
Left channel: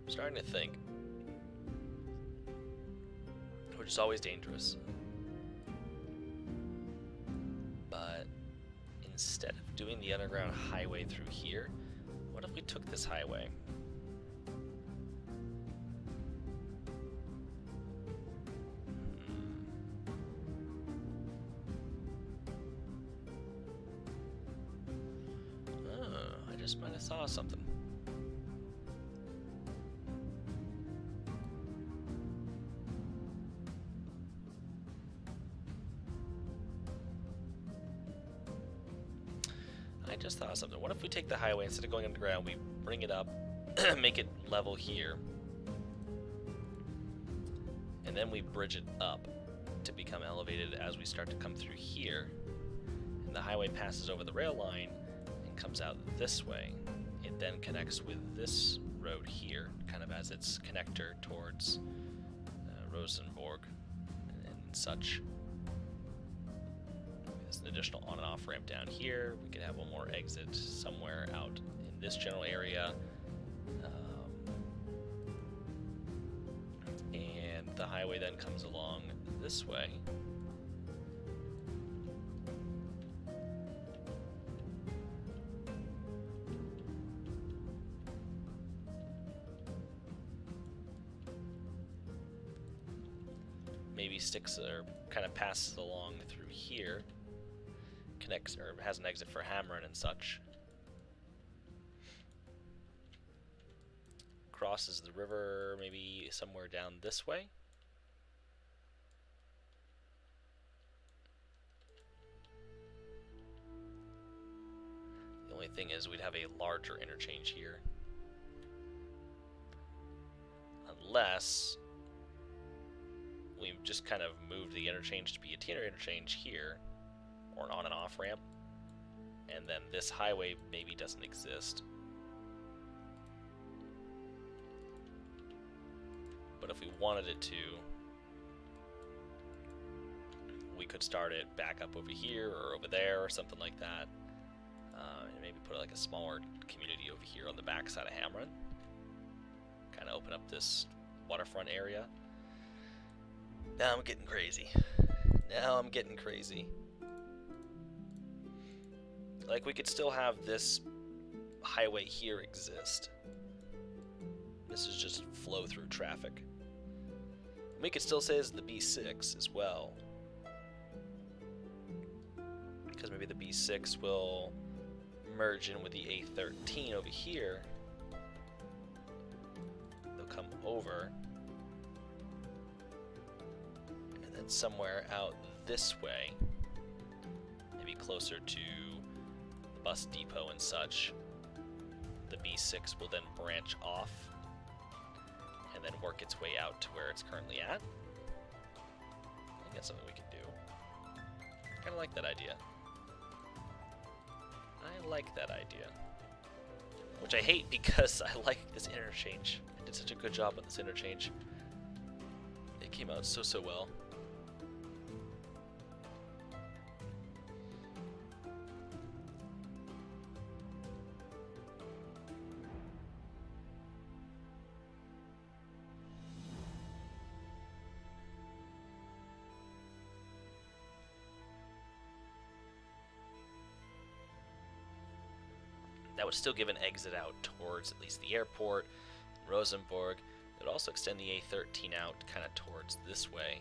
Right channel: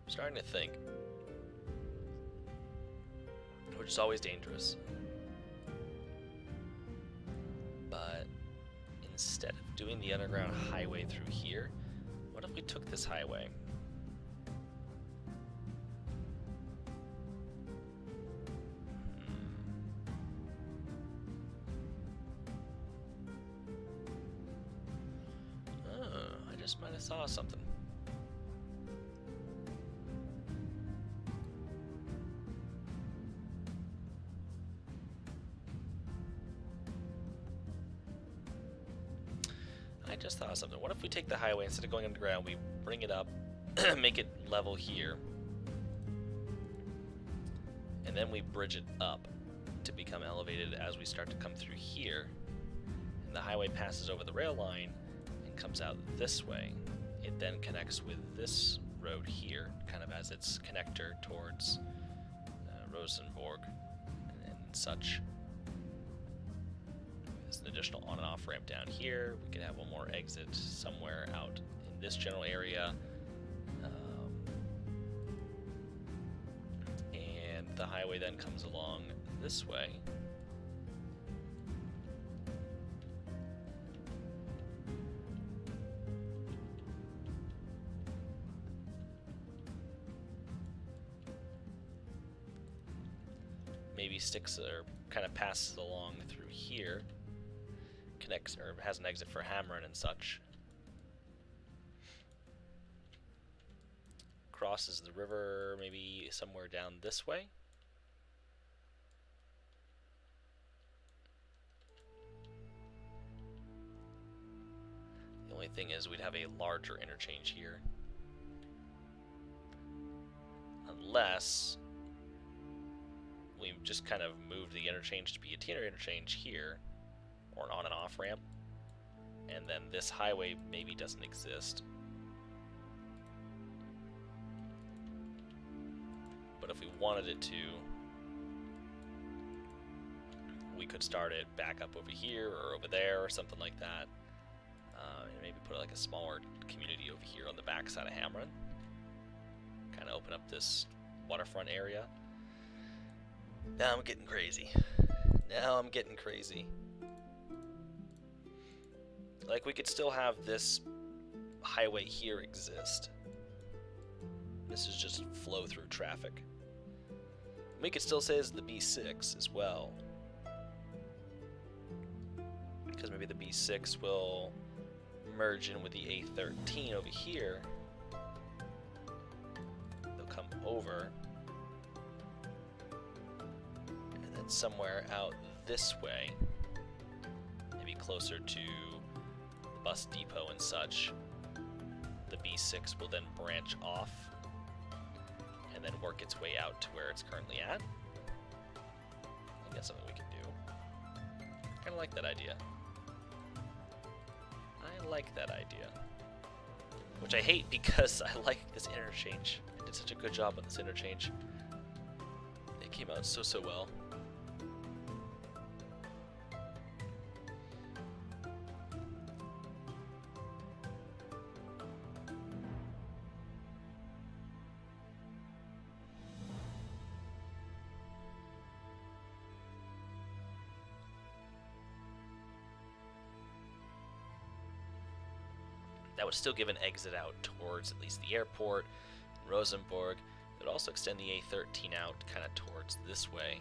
I'm starting to think, which is always dangerous, but instead of doing the underground highway through here, what if we took this highway? Oh, I just might have saw something. I just thought of something. What if we take the highway, instead of going underground, we bring it up, make it level here, and then we bridge it up to become elevated as we start to come through here, and the highway passes over the rail line and comes out this way. It then connects with this road here, kind of as its connector towards Rosenborg and such. There's an additional on and off ramp down here. We could have one more exit somewhere out in this general area. And the highway then comes along this way. Maybe sticks or kind of passes along through here. Connects or has an exit for Hamron and such. Crosses the river maybe somewhere down this way. The only thing is we'd have a larger interchange here. Unless we've just kind of moved the interchange to be a teener interchange here, or an on and off ramp, and then this highway maybe doesn't exist. But if we wanted it to, we could start it back up over here or over there or something like that, and maybe put like a smaller community over here on the back side of Hamron. Kind of open up this waterfront area. Now I'm getting crazy. Like, we could still have this highway here exist. This is just flow through traffic. We could still say it's the B6 as well, because maybe the B6 will merge in with the A13 over here. They'll come over, and then somewhere out this way, maybe closer to the bus depot and such, the B6 will then branch off and then work its way out to where it's currently at. I think that's something we can do. Kind of like that idea. I like that idea. Which I hate because I like this interchange. I did such a good job on this interchange. It came out so well. That would still give an exit out towards at least the airport, Rosenborg. It would also extend the A13 out kind of towards this way.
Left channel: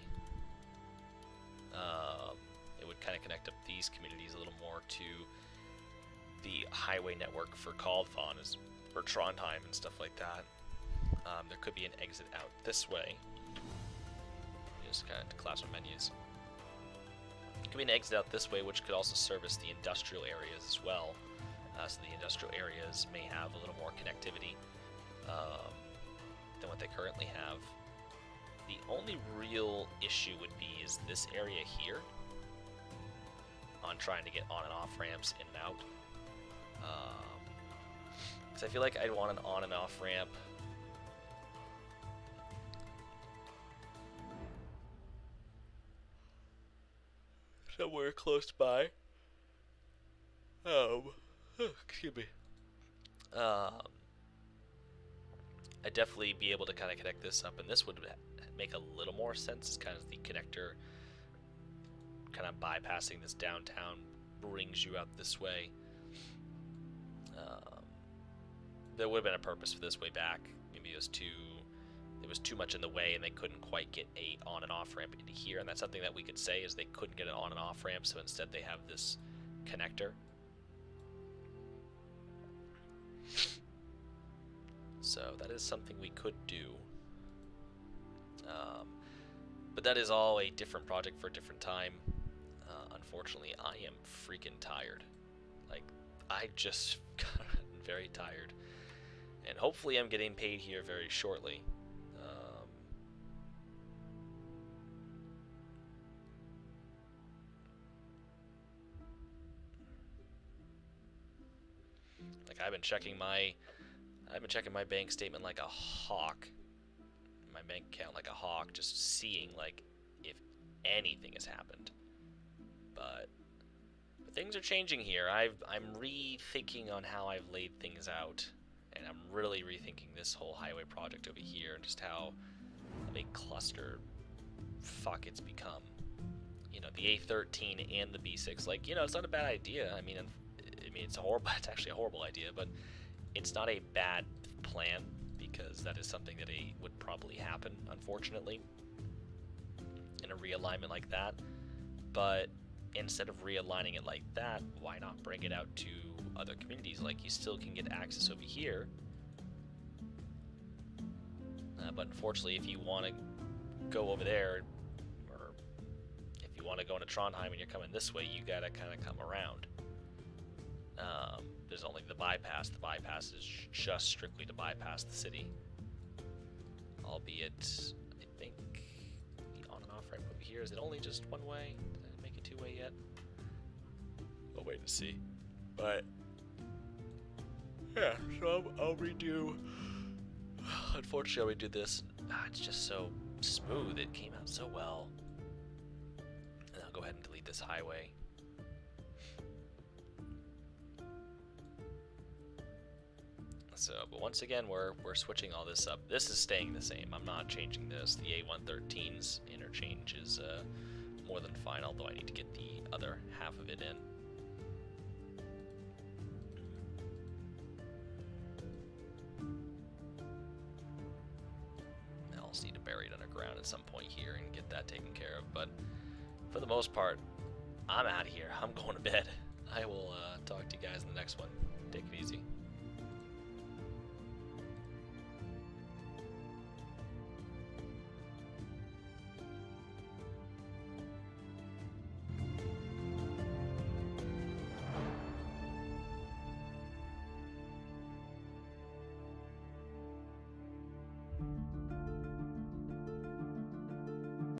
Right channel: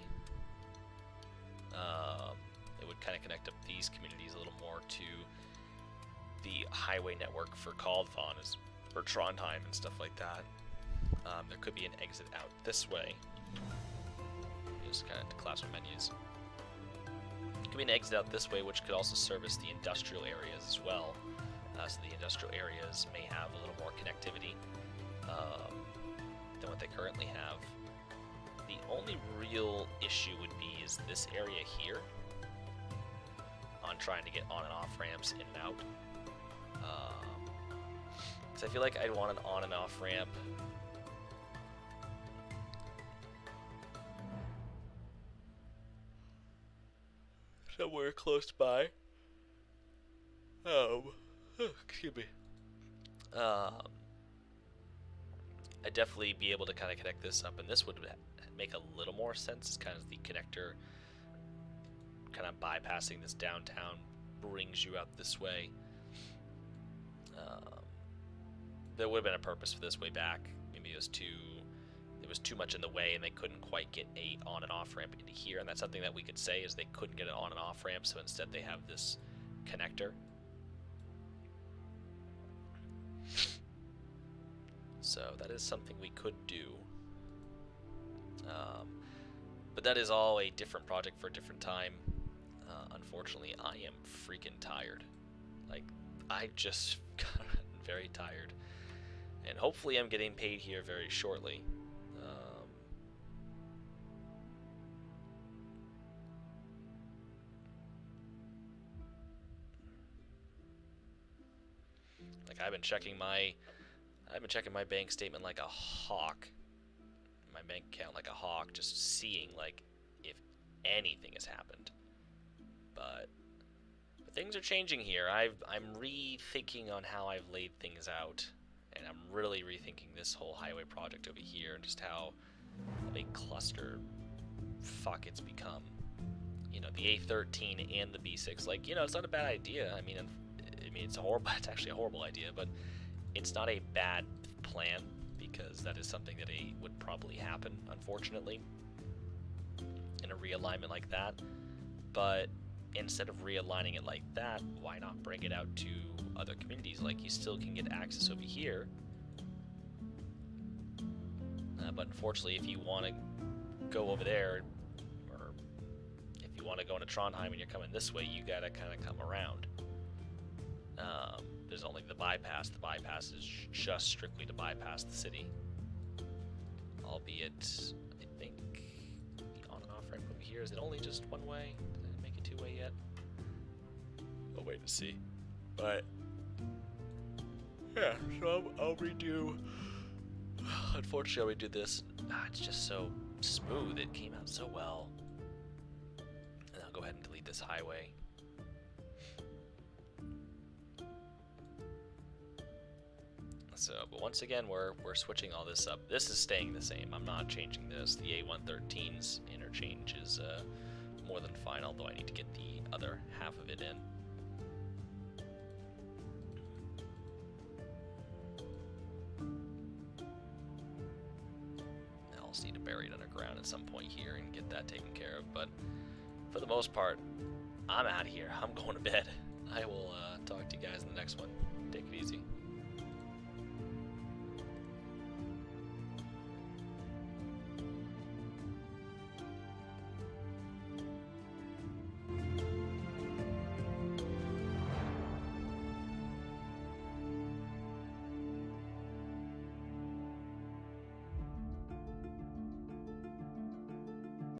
It would kind of connect up these communities a little more to the highway network for Kaldvann, for Trondheim and stuff like that. There could be an exit out this way. Just kind of class my menus. Could be an exit out this way, which could also service the industrial areas as well. So the industrial areas may have a little more connectivity than what they currently have. The only real issue would be is this area here on trying to get on and off ramps in and out. Because I feel like I'd want an on and off ramp somewhere close by. Excuse me. I'd definitely be able to kind of connect this up, and this would make a little more sense. It's kind of the connector kind of bypassing this downtown brings you out this way. There would have been a purpose for this way back. Maybe it was too much in the way and they couldn't quite get a on and off ramp into here, and that's something that we could say is they couldn't get an on and off ramp, so instead they have this connector. So that is something we could do. But that is all a different project for a different time. Unfortunately, I am freaking tired. Like, I just got very tired. And hopefully I'm getting paid here very shortly. Like, I've been checking my bank statement like a hawk. My bank account like a hawk, just seeing like if anything has happened. But things are changing here. I'm rethinking on how I've laid things out, and I'm really rethinking this whole highway project over here and just how of a cluster fuck it's become. You know, the A13 and the B6, like, you know, it's not a bad idea. I mean, it's it's actually a horrible idea, but it's not a bad plan, because that is something that would probably happen, unfortunately, in a realignment like that. But instead of realigning it like that, why not bring it out to other communities? Like, you still can get access over here, but unfortunately, if you want to go over there, or if you want to go into Trondheim and you're coming this way, you gotta kind of come around. There's only the bypass. The bypass is just strictly to bypass the city. Albeit, I think the on and off ramp over here, is it only just one way? Did I make it two-way yet? I'll wait to see. But yeah, so I'll redo. Unfortunately, I'll redo this. It's just so smooth. It came out so well. And I'll go ahead and delete this highway. So, but once again, we're switching all this up. This is staying the same. I'm not changing this. The A113's interchange is more than fine, although I need to get the other half of it in. just need to bury it underground at some point here and get that taken care of. But for the most part, I'm out of here. I'm going to bed. I will talk to you guys in the next one. Take it easy.